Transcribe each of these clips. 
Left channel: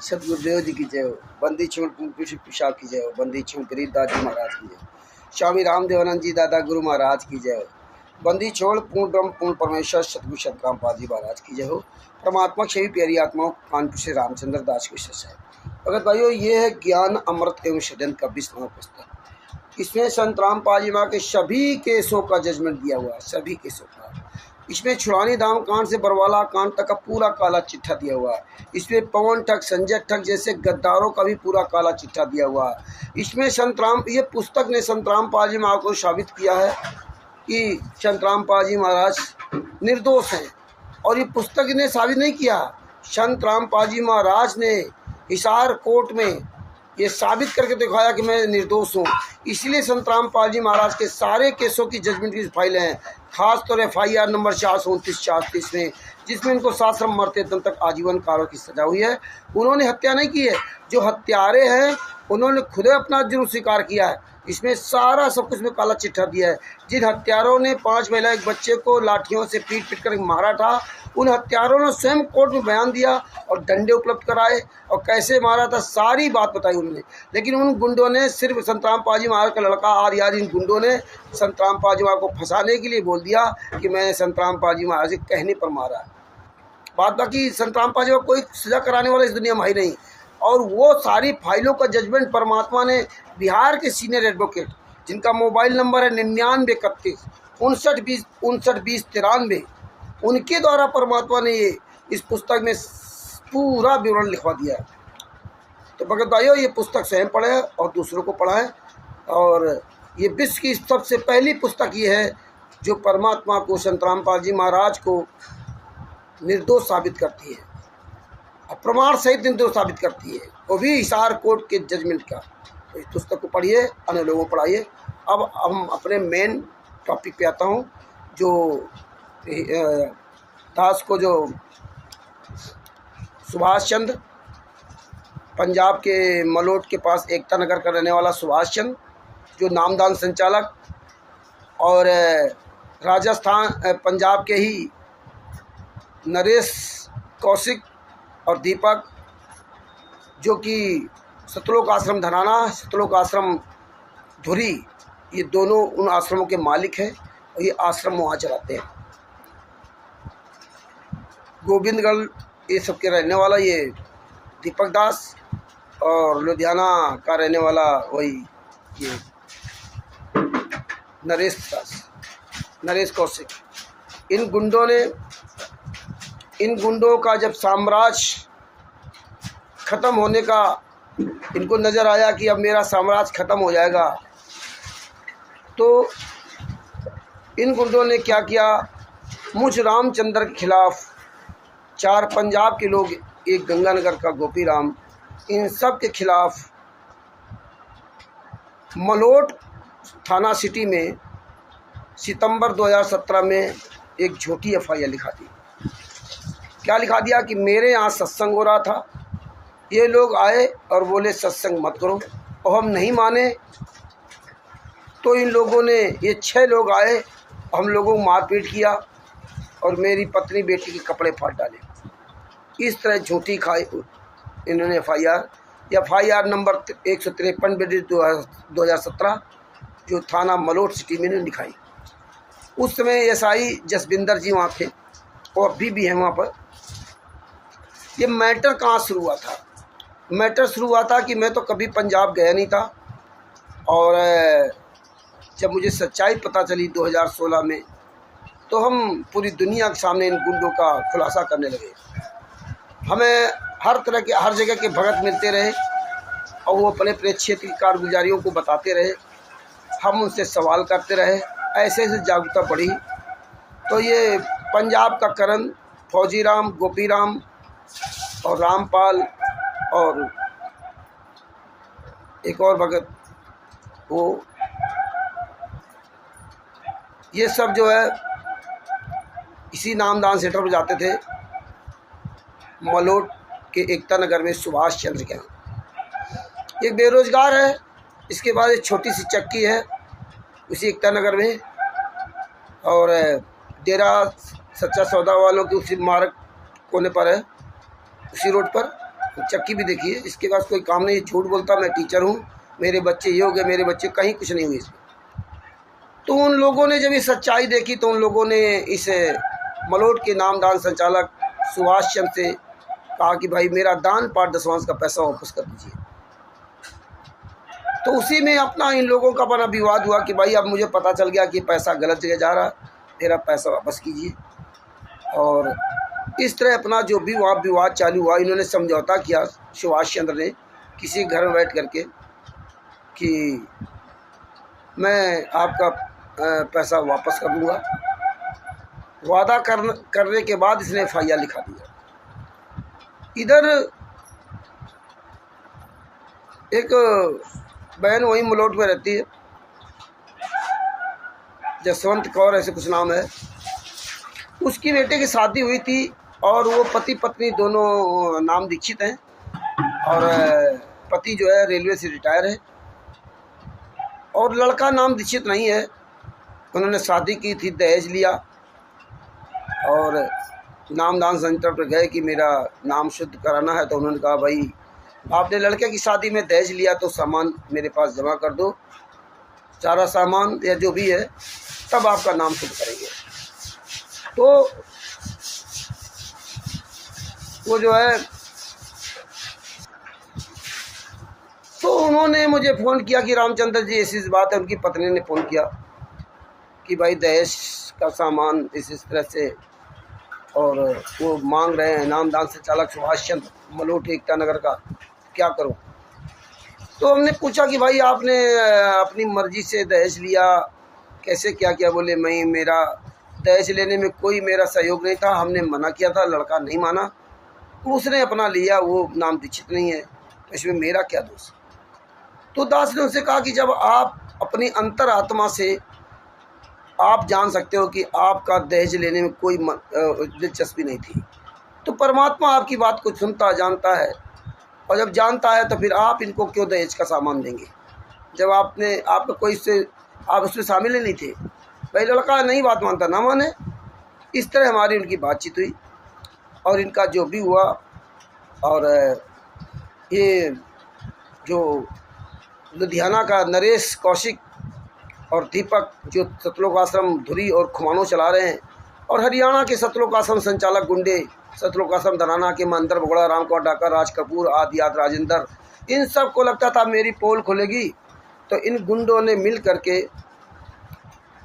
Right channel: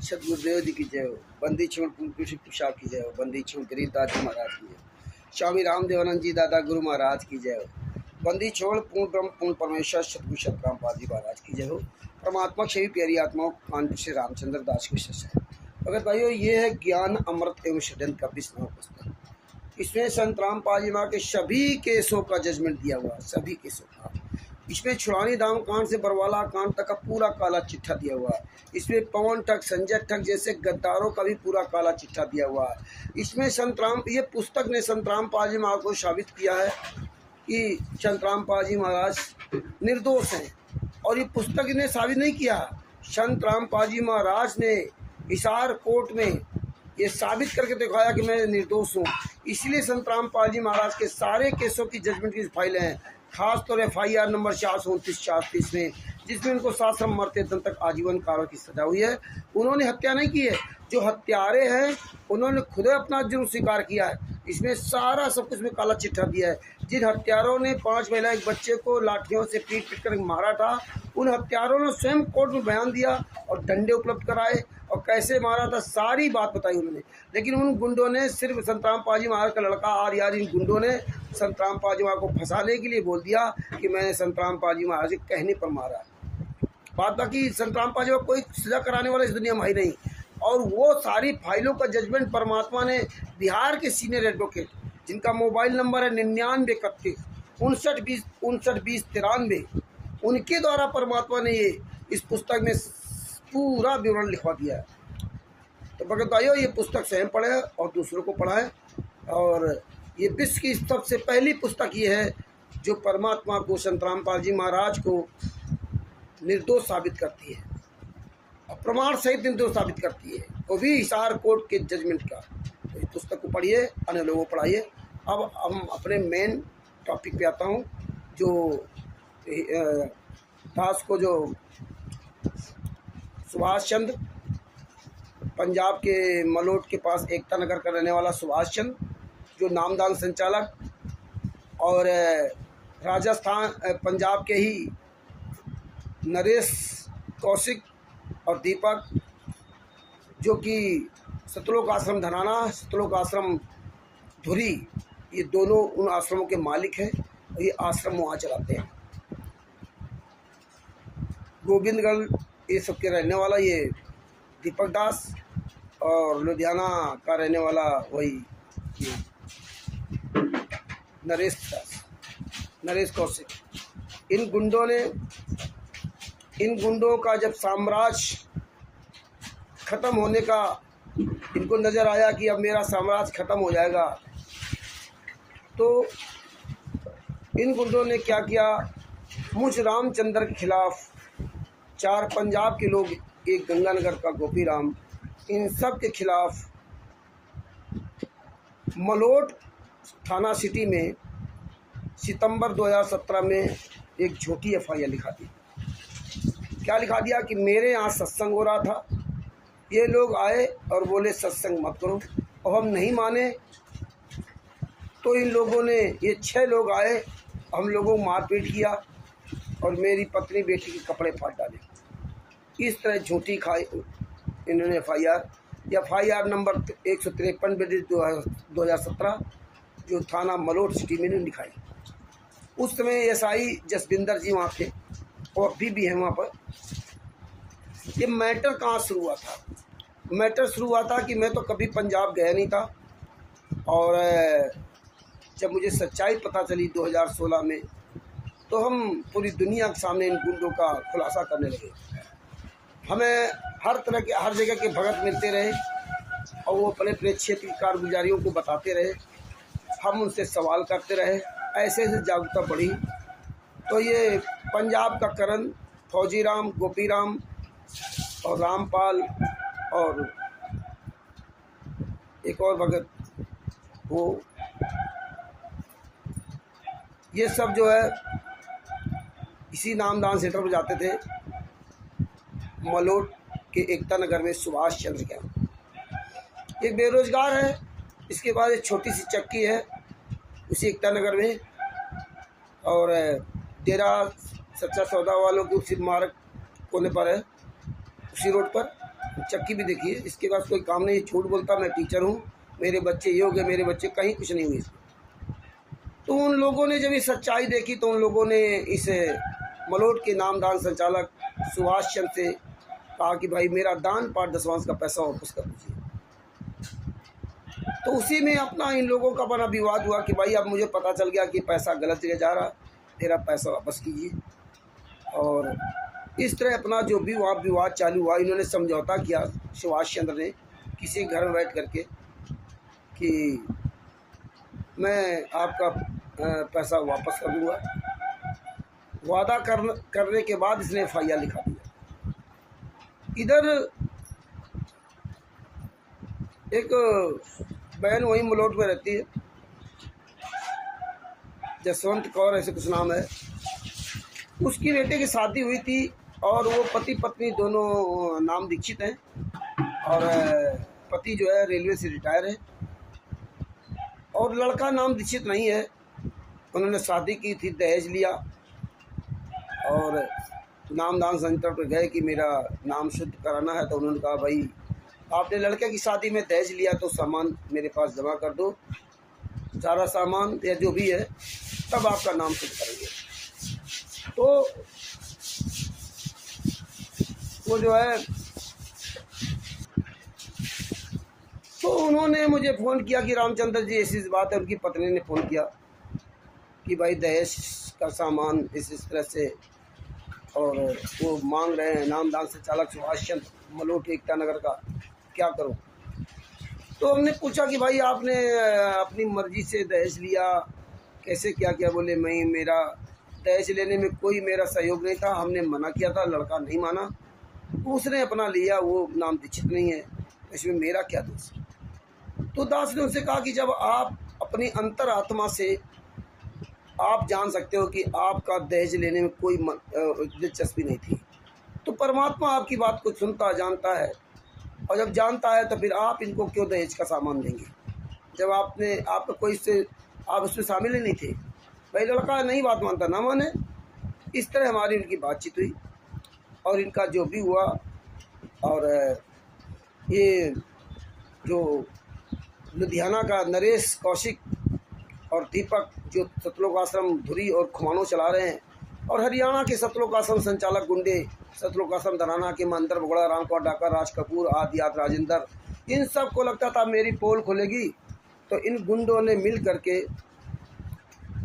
सतगुरुदेव जी की जय हो। बंदी छोड़ पिशाब की जय हो। बंदी छोड़ गरीबदास जी महाराज की जय हो। स्वामी रामदेवानंद जी दादा गुरु महाराज की जय हो। बंदी छोड़ पूर्ण ब्रह्म पूर्ण परमेश्वर सतगुरु सतरामपाल जी महाराज की जय हो। परमात्मा छवि प्यारी आत्माओं कानपुर से रामचंद्र दास की सत्संग। भगत भाइयों, ये है ज्ञान अमृत एवं षड्यंत्र का 20वां पुस्तक। इसमें संत रामपाल जी महाराज के सभी केसों का जजमेंट दिया हुआ है, सभी केसों का। इसमें छुड़ानी धाम कांड से बरवाला कांड तक का पूरा काला चिट्ठा दिया हुआ है। इसमें पवन ठग संजय ठग जैसे गद्दारों का भी पूरा काला चिट्ठा दिया हुआ है। इसमें ये पुस्तक ने संत रामपाल जी महाराज को साबित किया है कि संत रामपाल जी महाराज निर्दोष हैं। और ये पुस्तक ने साबित नहीं किया, संत रामपाल जी महाराज ने हिसार कोर्ट में ये साबित करके दिखाया कि मैं निर्दोष हूँ। इसलिए संत रामपाल जी महाराज के सारे केसों की जजमेंट की फाइलें हैं, खास तौर FIR नंबर 429-430 में, जिसमें इनको साश्रम मरते दम तक आजीवन कारों की सजा हुई है। उन्होंने हत्या नहीं की है, जो हत्यारे हैं उन्होंने खुद अपना जुर्म स्वीकार किया है। इसमें सारा सब कुछ में काला चिट्ठा दिया है। जिन हत्यारों ने 5 महिला एक बच्चे को लाठियों से पीट कर मारा था, उन हत्यारों ने स्वयं कोर्ट में बयान दिया और डंडे उपलब्ध कराए और कैसे मारा था सारी बात बताई उन्होंने। लेकिन उन गुंडों ने सिर्फ संत रामपाल जी महाराज का लड़का आर्यार, इन गुंडों ने संत रामपाल जी महाराज को फंसाने के लिए बोल दिया कि मैंने संत रामपाल जी महाराज के कहने पर मारा है। बात बाकी संत रामपाल जी महाराज कोई सजा कराने वाला इस दुनिया में है नहीं। और वो सारी फाइलों का जजमेंट परमात्मा ने बिहार के सीनियर एडवोकेट, जिनका मोबाइल नंबर है 9931 5920 93, उनके द्वारा परमात्मा ने ये इस पुस्तक में पूरा विवरण लिखवा दिया है। तो भगत भाइयों, ये पुस्तक स्वयं पढ़े और दूसरों को पढ़ाएं। और ये विश्व की सबसे पहली पुस्तक ये है जो परमात्मा को, संत रामपाल जी महाराज को निर्दोष साबित करती है, प्रमाण सहित निर्दोष साबित करती है, वो भी हिसार कोर्ट के जजमेंट का। तो इस पुस्तक को पढ़िए, अन्य लोगों को पढ़ाइए। अब हम अपने मेन टॉपिक पे आता हूँ, जो दास को, जो सुभाष चंद्र, पंजाब के मलोट के पास एकता नगर का रहने वाला सुभाष चंद्र, जो नामदान संचालक, और राजस्थान पंजाब के ही नरेश कौशिक और दीपक, जो कि सतलोक आश्रम धनाना, सतलोक आश्रम धुरी, ये दोनों उन आश्रमों के मालिक हैं और ये आश्रम वहाँ चलाते हैं। गोविंदगढ़ ये सब के रहने वाला ये दीपक दास, और लुधियाना का रहने वाला वही ये नरेश कौशिक। इन गुंडों का जब साम्राज्य ख़त्म होने का इनको नज़र आया कि अब मेरा साम्राज्य ख़त्म हो जाएगा, तो इन गुंडों ने क्या किया, मुझ रामचंद्र के खिलाफ 4 पंजाब के लोग, एक गंगानगर का गोपी राम, इन सब के खिलाफ मलोट थाना सिटी में सितंबर 2017 में एक झूठी FIR लिखा दी। क्या लिखा दिया कि मेरे यहाँ सत्संग हो रहा था, ये लोग आए और बोले सत्संग मत करो, और हम नहीं माने। तो इन लोगों ने, ये 6 लोग आए, हम लोगों को मारपीट किया और मेरी पत्नी बेटी के कपड़े फाड़ डाले। इस तरह झूठी खाई इन्होंने FIR नंबर 153/2017, जो थाना मलोट सिटी में इन्होंने लिखाई। उस समय SI जसविंदर जी वहाँ थे और अभी भी हैं वहाँ पर। ये मैटर कहाँ शुरू हुआ था? मैटर शुरू हुआ था कि मैं तो कभी पंजाब गया नहीं था, और जब मुझे सच्चाई पता चली 2016 में, तो हम पूरी दुनिया के सामने इन गुंडों का खुलासा करने लगे। हमें हर तरह के, हर जगह के भगत मिलते रहे और वो अपने अपने क्षेत्र की कारगुजारियों को बताते रहे, हम उनसे सवाल करते रहे, ऐसे ऐसे जागरूकता बढ़ी। तो ये पंजाब का करण, फौजीराम, गोपीराम और रामपाल और एक और भगत, वो ये सब जो है इसी नामदान सेंटर पर जाते थे, मलोट के एकता नगर में सुभाष चंद्र के यहाँ। एक बेरोजगार है, इसके बाद एक छोटी सी चक्की है उसी एकता नगर में, और डेरा सच्चा सौदा वालों के उसी मार्ग कोने पर है, उसी रोड पर चक्की भी देखिए, इसके पास कोई काम नहीं, झूठ बोलता मैं टीचर हूँ, मेरे बच्चे ये हो गए, मेरे बच्चे, कहीं कुछ नहीं हुए इसमें। तो उन लोगों ने जब ये सच्चाई देखी तो उन लोगों ने इस मलोट के नामदान संचालक सुभाष चंद्र से कहा कि भाई मेरा दान पाठ दशवांश का पैसा वापस कर दीजिए। तो उसी में अपना इन लोगों का बड़ा विवाद हुआ कि भाई अब मुझे पता चल गया कि पैसा गलत जगह जा रहा है, मेरा पैसा वापस कीजिए। और इस तरह अपना जो भी विवाद चालू हुआ, इन्होंने समझौता किया सुभाष चंद्र ने किसी घर में बैठ करके कि मैं आपका पैसा वापस कर दूँगा। वादा करने के बाद इसने FIR लिखा दिया। इधर एक बहन वहीं मलोट में रहती है, जसवंत कौर ऐसे कुछ नाम है, उसकी बेटे की शादी हुई थी और वो पति पत्नी दोनों नाम दीक्षित हैं और पति जो है रेलवे से रिटायर है और लड़का नाम दीक्षित नहीं है। उन्होंने शादी की थी, दहेज लिया और नामदान सेंटर पर गए कि मेरा नाम शुद्ध कराना है। तो उन्होंने कहा भाई आपने लड़के की शादी में दहेज लिया तो सामान मेरे पास जमा कर दो, सारा सामान या जो भी है, तब आपका नाम शुद्ध करेंगे। तो वो जो है, तो उन्होंने मुझे फ़ोन किया कि रामचंद्र जी ऐसी बात है। उनकी पत्नी ने फ़ोन किया कि भाई दहेज का सामान इस तरह से और वो मांग रहे हैं, नामदान संचालक सुभाष चंद्र मलोट एकता नगर का, क्या करो। तो हमने पूछा कि भाई आपने अपनी मर्ज़ी से दहेज लिया, कैसे क्या किया? बोले मैं, मेरा दहेज लेने में कोई मेरा सहयोग नहीं था, हमने मना किया था, लड़का नहीं माना, उसने अपना लिया, वो नाम दीक्षित नहीं है, इसमें मेरा क्या दोष? तो दास ने उनसे कहा कि जब आप अपनी अंतरात्मा से आप जान सकते हो कि आपका दहेज लेने में कोई दिलचस्पी नहीं थी, तो परमात्मा आपकी बात को सुनता जानता है, और जब जानता है तो फिर आप इनको क्यों दहेज का सामान देंगे जब आपका कोई से आप उसमें शामिल ही नहीं थे। भाई लड़का नहीं बात मानता ना माने। इस तरह हमारी उनकी बातचीत हुई और इनका जो भी हुआ। और ये जो लुधियाना का नरेश कौशिक और दीपक जो सतलोक आश्रम धुरी और खुमानो चला रहे हैं, और हरियाणा के सतलोक आश्रम संचालक गुंडे सतलोक आश्रम धनाना के मंदर बगड़ा रामकोट डाकर राज कपूर आदि राजेंद्र, इन सब को लगता था मेरी पोल खुलेगी, तो इन गुंडों ने मिल करके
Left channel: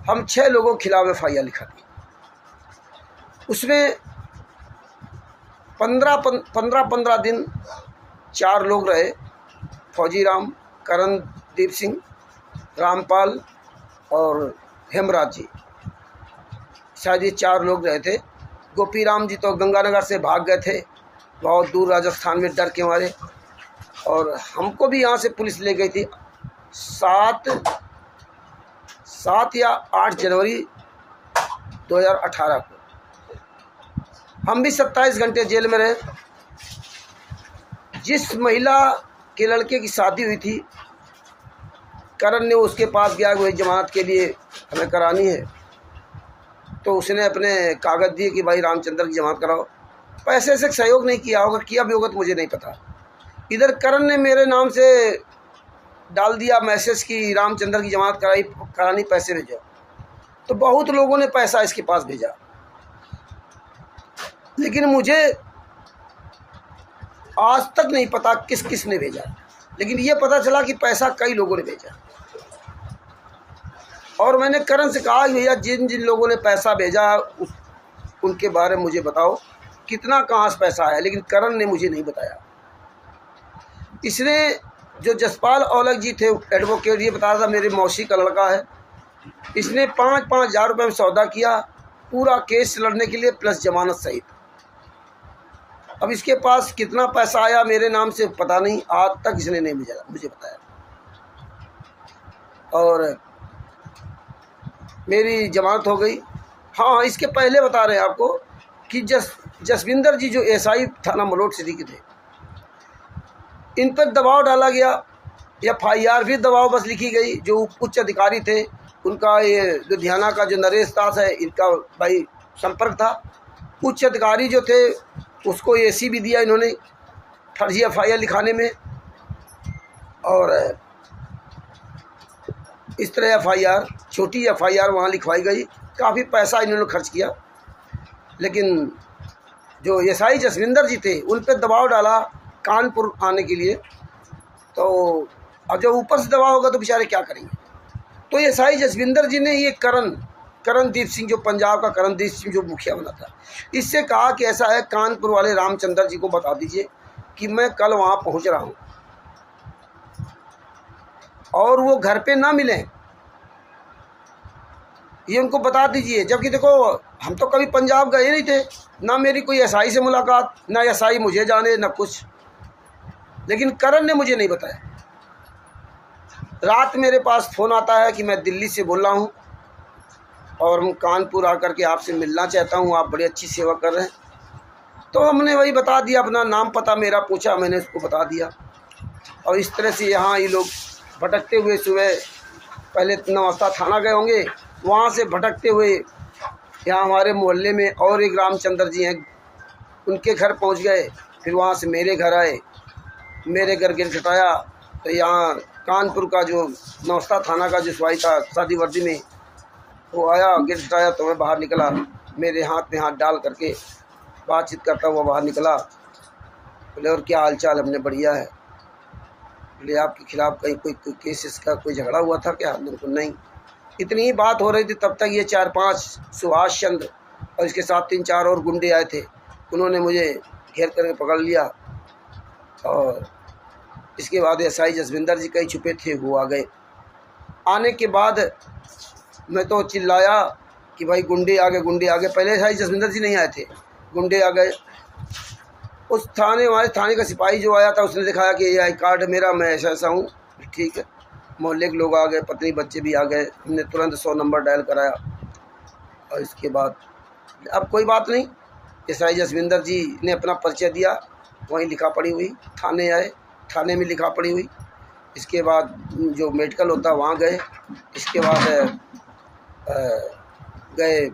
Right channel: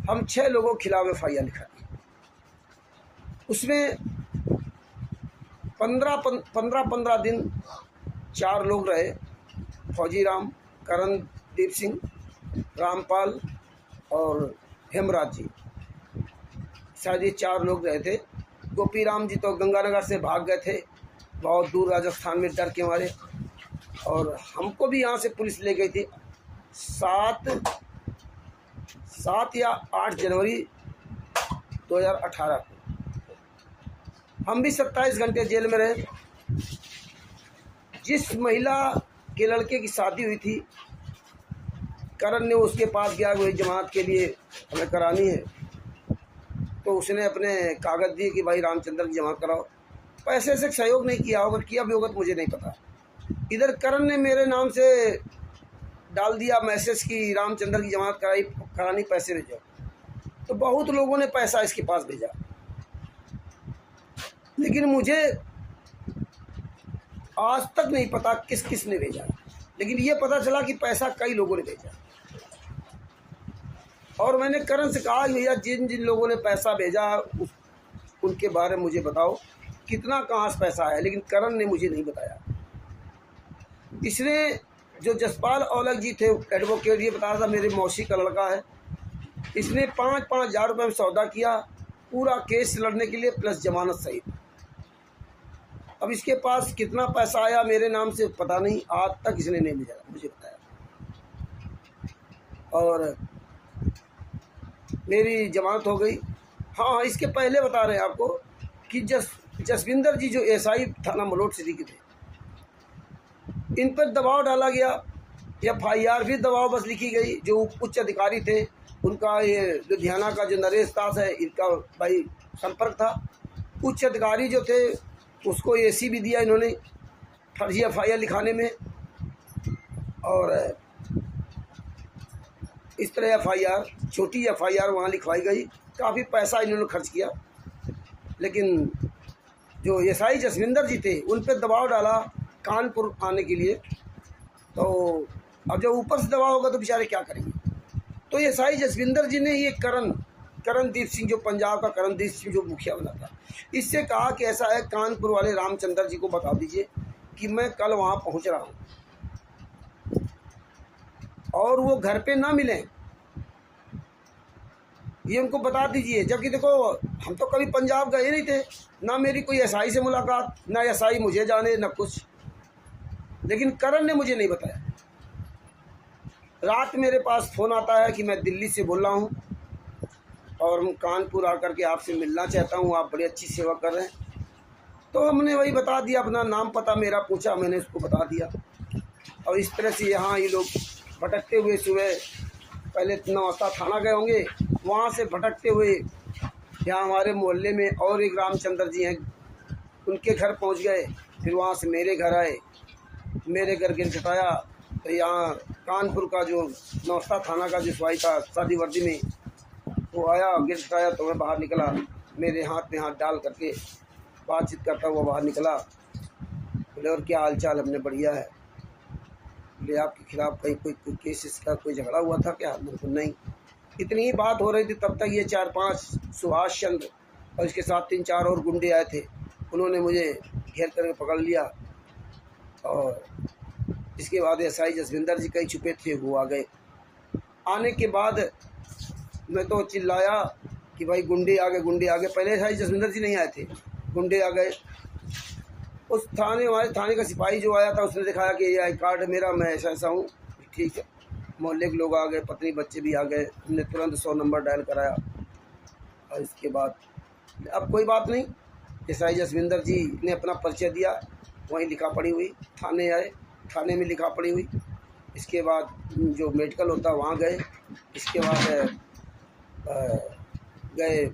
हम 6 लोगों के खिलाफ FIR लिखा दी। उसमें 15 दिन 4 लोग रहे, फौजी राम, करणदीप सिंह, रामपाल और हेमराज जी, शायद ये 4 लोग रहे थे। गोपी राम जी तो गंगानगर से भाग गए थे, बहुत दूर राजस्थान में डर के मारे, और हमको भी यहाँ से पुलिस ले गई थी 7 या 8 जनवरी 2018 को। हम भी 27 घंटे जेल में रहे। जिस महिला के लड़के की शादी हुई थी, करण ने उसके पास गया, वही जमानत के लिए हमें करानी है, तो उसने अपने कागज़ दिए कि भाई रामचंद्र की जमानत कराओ। पैसे से सहयोग नहीं किया होगा, किया भी होगा तो मुझे नहीं पता। इधर करण ने मेरे नाम से डाल दिया मैसेज कि रामचंद्र की जमानत करानी, पैसे भेजो। तो बहुत लोगों ने पैसा इसके पास भेजा, लेकिन मुझे आज तक नहीं पता किस किस ने भेजा, लेकिन ये पता चला कि पैसा कई लोगों ने भेजा। और मैंने करण से कहा भैया जिन जिन लोगों ने पैसा भेजा उनके बारे में मुझे बताओ, कितना कहाँ से पैसा आया, लेकिन करण ने मुझे नहीं बताया। इसने जो जसपाल औलख जी थे एडवोकेट, ये बताया था मेरे मौसी का लड़का है, इसने 5-5 हज़ार रुपये में सौदा किया पूरा केस लड़ने के लिए प्लस जमानत सहित। अब इसके पास कितना पैसा आया मेरे नाम से पता नहीं, आज तक इसने नहीं मुझे बताया। और मेरी जमानत हो गई। हाँ, इसके पहले बता रहे हैं आपको कि जसविंदर जी जो SI थाना मलोट सिटी के थे, इन पर दबाव डाला गया, FIR भी दबाव बस लिखी गई। जो उच्च अधिकारी थे उनका, ये लुधियाना का जो नरेश दास है, इनका भाई संपर्क था। उच्च अधिकारी जो थे उसको AC भी दिया इन्होंने, फर्जी FIR लिखाने में, और इस तरह FIR, छोटी FIR वहाँ लिखवाई गई। काफ़ी पैसा इन्होंने खर्च किया, लेकिन जो SI जसविंदर जी थे उन पर दबाव डाला कानपुर आने के लिए। तो अब जब ऊपर से दबाव होगा तो बेचारे क्या करेंगे। तो SI जसविंदर जी ने ये करणदीप सिंह, जो पंजाब का करणदीप सिंह जो मुखिया बना था, इससे कहा कि ऐसा है, कानपुर वाले रामचंद्र जी को बता दीजिए कि मैं कल वहाँ पहुँच रहा हूँ और वो घर पे ना मिलें, ये उनको बता दीजिए। जबकि देखो, हम तो कभी पंजाब गए नहीं थे, ना मेरी कोई SI से मुलाकात, ना SI मुझे जाने, ना कुछ, लेकिन करण ने मुझे नहीं बताया। रात मेरे पास फ़ोन आता है कि मैं दिल्ली से बोल रहा हूँ और हम कानपुर आकर के आपसे मिलना चाहता हूँ, आप बड़ी अच्छी सेवा कर रहे हैं। तो हमने वही बता दिया, अपना नाम पता मेरा पूछा, मैंने उसको बता दिया। और इस तरह से यहाँ ये लोग भटकते हुए सुबह पहले नौस्ता थाना गए होंगे, वहाँ से भटकते हुए यहाँ हमारे मोहल्ले में और एक रामचंद्र जी हैं, उनके घर पहुँच गए। फिर वहाँ से मेरे घर आए, मेरे घर गिर घटाया। तो यहाँ कानपुर का जो नौस्ता थाना का जो सिपाही था सादी वर्दी में, वो आया, गिर घटाया। तो मैं बाहर निकला, मेरे हाथ में हाथ डाल करके बातचीत करता हुआ बाहर निकला। बोले और क्या हाल चाल? हमने बढ़िया है। बोले आपके खिलाफ़ कहीं कोई केस इसका कोई झगड़ा हुआ था क्या? बिल्कुल नहीं। इतनी ही बात हो रही थी, तब तक ये 4-5 सुभाष चंद्र और इसके साथ 3-4 और गुंडे आए थे। उन्होंने मुझे घेर करके पकड़ लिया और इसके बाद SI जसविंदर जी कहीं छुपे थे, वो आ गए। आने के बाद मैं तो चिल्लाया कि भाई गुंडे आ गए, गुंडे आ गए। पहले SI जसविंदर जी नहीं आए थे, गुंडे आ गए। उस हमारे थाने का सिपाही जो आया था, उसने दिखाया कि ये आई कार्ड मेरा, मैं ऐसा ऐसा हूँ। ठीक है, मोहल्ले के लोग आ गए, पत्नी बच्चे भी आ गए। हमने तुरंत 100 नंबर डायल कराया और इसके बाद अब कोई बात नहीं। SI जसविंदर जी ने अपना परिचय दिया, वहीं लिखा पड़ी हुई। थाने आए, थाने में लिखा पड़ी हुई। इसके बाद जो मेडिकल होता वहाँ गए। इसके बाद गए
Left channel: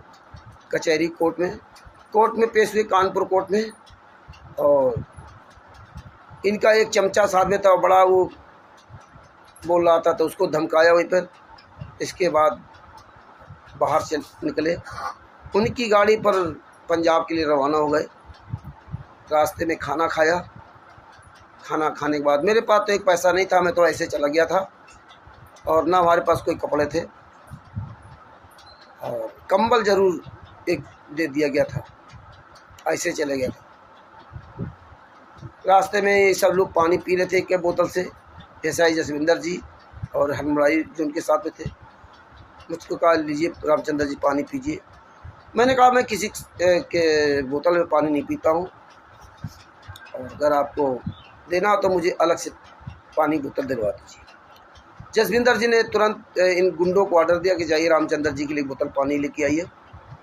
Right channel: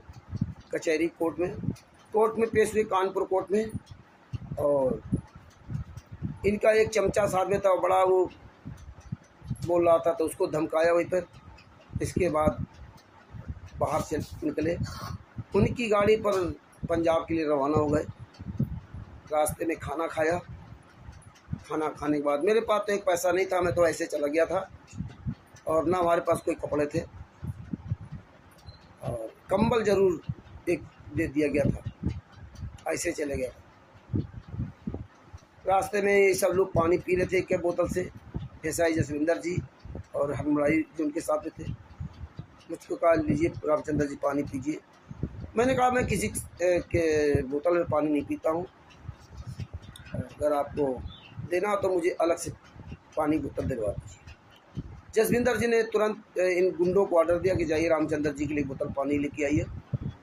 कचहरी कोर्ट में पेश हुए, कानपुर कोर्ट में। और इनका एक चमचा साथ में था, बड़ा वो बोल रहा था, तो उसको धमकाया वहीं पर। इसके बाद बाहर से निकले, उनकी गाड़ी पर पंजाब के लिए रवाना हो गए। रास्ते में खाना खाया। खाना खाने के बाद मेरे पास तो एक पैसा नहीं था, मैं तो ऐसे चला गया था और ना हमारे पास कोई कपड़े थे, और कंबल ज़रूर एक दे दिया गया था, ऐसे चले गया था। रास्ते में सब लोग पानी पी रहे थे एक बोतल से, SI जसविंदर जी और हरमराई जो उनके साथ में थे। मुझको कहा लीजिए रामचंद्र जी पानी पीजिए। मैंने कहा मैं किसी के बोतल में पानी नहीं पीता हूँ, और अगर आपको देना हो तो मुझे अलग से पानी बोतल दिलवा दीजिए। जसविंदर जी ने तुरंत इन गुंडों को ऑर्डर दिया कि जाइए रामचंद्र जी के लिए बोतल पानी लेके आइए।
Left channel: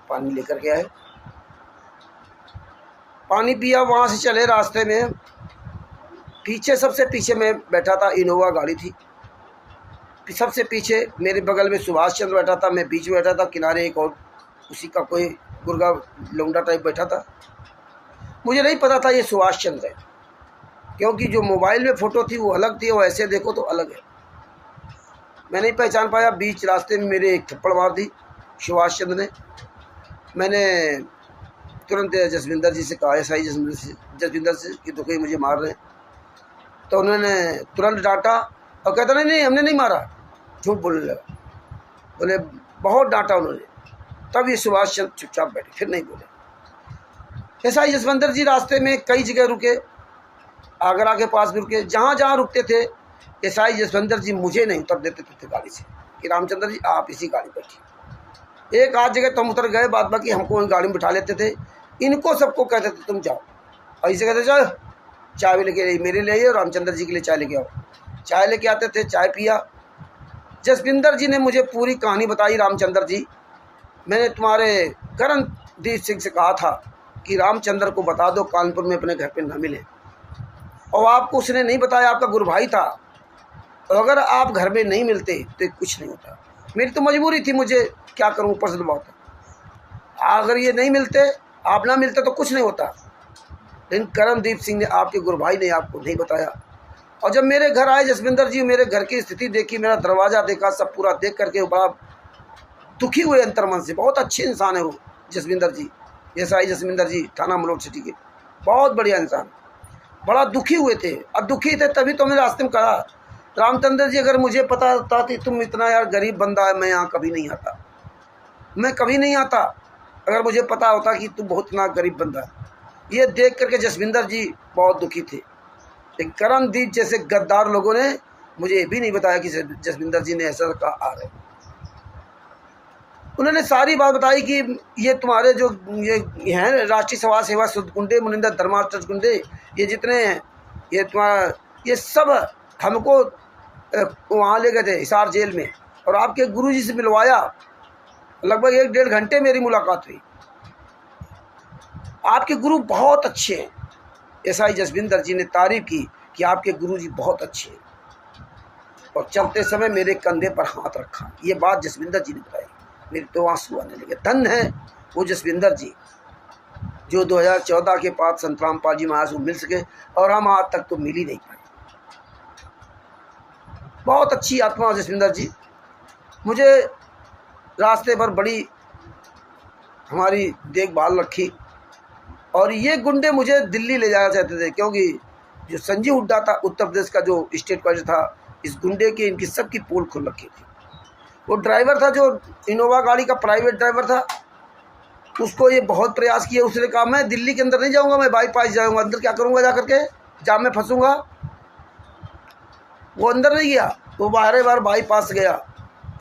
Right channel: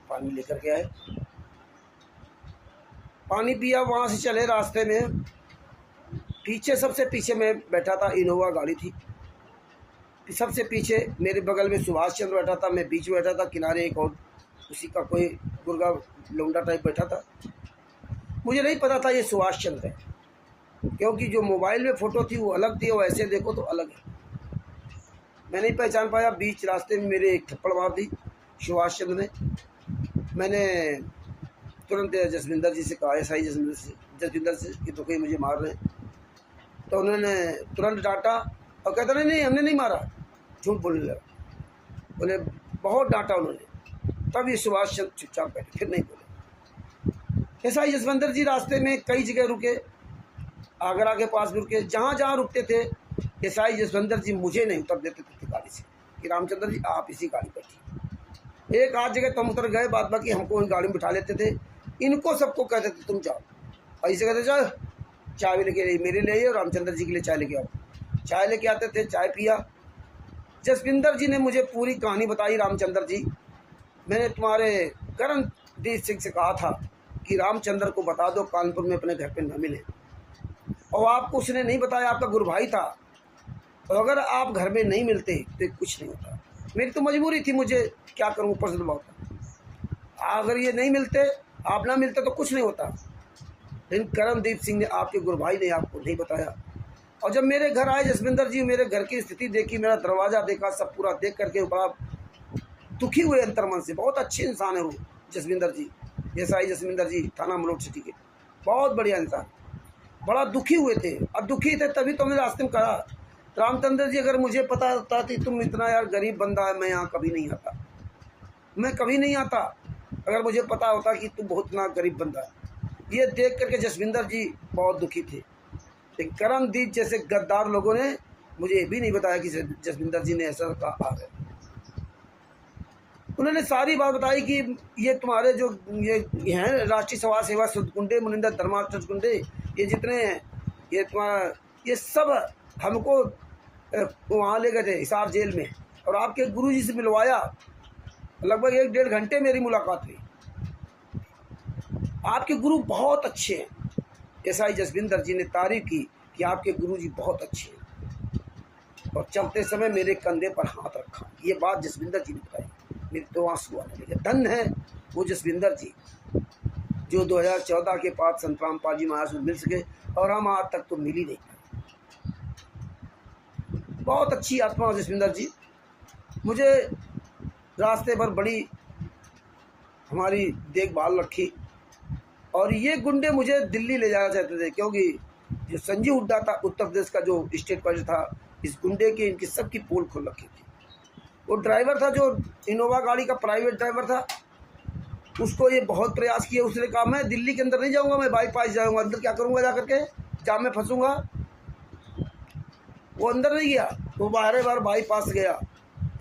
पानी लेकर के आए, पानी पिया। वहाँ से चले, रास्ते में पीछे, सबसे पीछे मैं बैठा था, इनोवा गाड़ी थी। सबसे पीछे मेरे बगल में सुभाष चंद्र बैठा था, मैं बीच में बैठा था, किनारे एक और उसी का कोई गुर्गा लौंडा टाइप बैठा था। मुझे नहीं पता था ये सुभाष चंद्र है, क्योंकि जो मोबाइल में फ़ोटो थी वो अलग थी और ऐसे देखो तो अलग है। मैं नहीं पहचान पाया। बीच रास्ते में मेरे एक थप्पड़ मार दी सुभाष चंद्र ने। मैंने तुरंत जसविंदर जी से कहा, SI जसविंदर से, कि तो कहीं मुझे मार रहे हैं। तो उन्होंने तुरंत डांटा और कहता नहीं हमने नहीं मारा, झूठ बोलने लगा। बोले बहुत डांटा उन्होंने। तब ये सुभाष चंद्र चुपचाप बैठे, फिर नहीं बोले। SI जसविंदर जी रास्ते में कई जगह रुके, आगरा के पास भी रुके। जहाँ जहाँ रुकते थे SI जसविंदर जी मुझे नहीं उतर देते थे गाड़ी से कि रामचंद्र जी आप इसी गाड़ी पर बैठिए। एक आध जगह तुम उतर गए, बाद बाकी हमको गाड़ी में बिठा लेते थे। इनको सबको कहते थे तुम जाओ, ऐसे कहते जाओ, चाय लेके मेरे लिए आइए और रामचंद्र जी के लिए चाय लेके आओ। चाय लेके आते थे, चाय पिया। जसविंदर जी ने मुझे पूरी कहानी बताई। रामचंद्र जी, मैंने तुम्हारे करणदीप सिंह से कहा था कि रामचंद्र को बता दो कानपुर में अपने घर पे न मिले, और आपको उसने नहीं बताया, आपका गुरु भाई था। और अगर आप घर में नहीं मिलते तो कुछ नहीं होता। मेरी तो मजबूरी थी, मुझे क्या करूं, ऊपर से दबाव था। अगर ये नहीं मिलते, आप ना मिलते तो कुछ नहीं होता। लेकिन करमदीप सिंह ने, आपके गुरु भाई ने आपको नहीं बताया। और जब मेरे घर आए जसविंदर जी, मेरे घर की स्थिति देखी, मेरा दरवाज़ा देखा, सब पूरा देख करके बड़ा दुखी हुए अंतर्मन से। बहुत अच्छे इंसान है वो जसविंदर जी, एसआई जसविंदर जी, थाना मलोट सिटी के, बहुत बढ़िया इंसान। बड़ा दुखी हुए थे, अब दुखी थे तभी तो मैंने रास्ते में कहा, रामचंद्र जी अगर मुझे पता होता कि तुम इतना यार गरीब बंदा है, मैं यहाँ कभी नहीं आता, मैं कभी नहीं आता अगर मुझे पता होता कि तुम बहुत इतना गरीब बंदा है। ये देख करके जसविंदर जी बहुत दुखी थे। लेकिन करमदीप जैसे गद्दार लोगों ने मुझे ये भी नहीं बताया कि जसविंदर जी ने ऐसा कहा आ रहे। उन्होंने सारी बात बताई कि ये तुम्हारे जो ये हैं राष्ट्रीय समाज सेवा शुद्ध गुंडे, मुनिंदर धर्मार्थ गुंडे, ये जितने हैं, ये तुम्हारा ये सब हमको वहाँ ले गए थे हिसार जेल में, और आपके गुरुजी से मिलवाया। लगभग 1-1.5 घंटे मेरी मुलाकात हुई। आपके गुरु बहुत अच्छे हैं। एसआई जसविंदर जी ने तारीफ की कि आपके गुरुजी बहुत अच्छे हैं, और चलते समय मेरे कंधे पर हाथ रखा। ये बात जसविंदर जी ने बताई, मेरे तो आंसू आने लगे। धन्य है वो जसविंदर जी जो 2014 के बाद संत रामपाल जी महाराज को मिल सके, और हम आज तक तो मिल ही नहीं पाए। बहुत अच्छी आत्मा जसविंदर जी। मुझे रास्ते पर बड़ी हमारी देखभाल रखी, और ये गुंडे मुझे दिल्ली ले जाना चाहते थे, क्योंकि जो संजीव हुड्डा था, उत्तर प्रदेश का जो स्टेट कलेक्टर था, इस गुंडे की इनकी सबकी पोल खुल रखी थी। वो ड्राइवर था जो इनोवा गाड़ी का प्राइवेट ड्राइवर था, उसको ये बहुत प्रयास किया। उसने कहा मैं दिल्ली के अंदर नहीं जाऊंगा, मैं बाईपास जाऊंगा। अंदर क्या करूंगा जा करके, जाम में फंसूंगा। वो अंदर नहीं गया, वो बाहर बार बाईपास गया।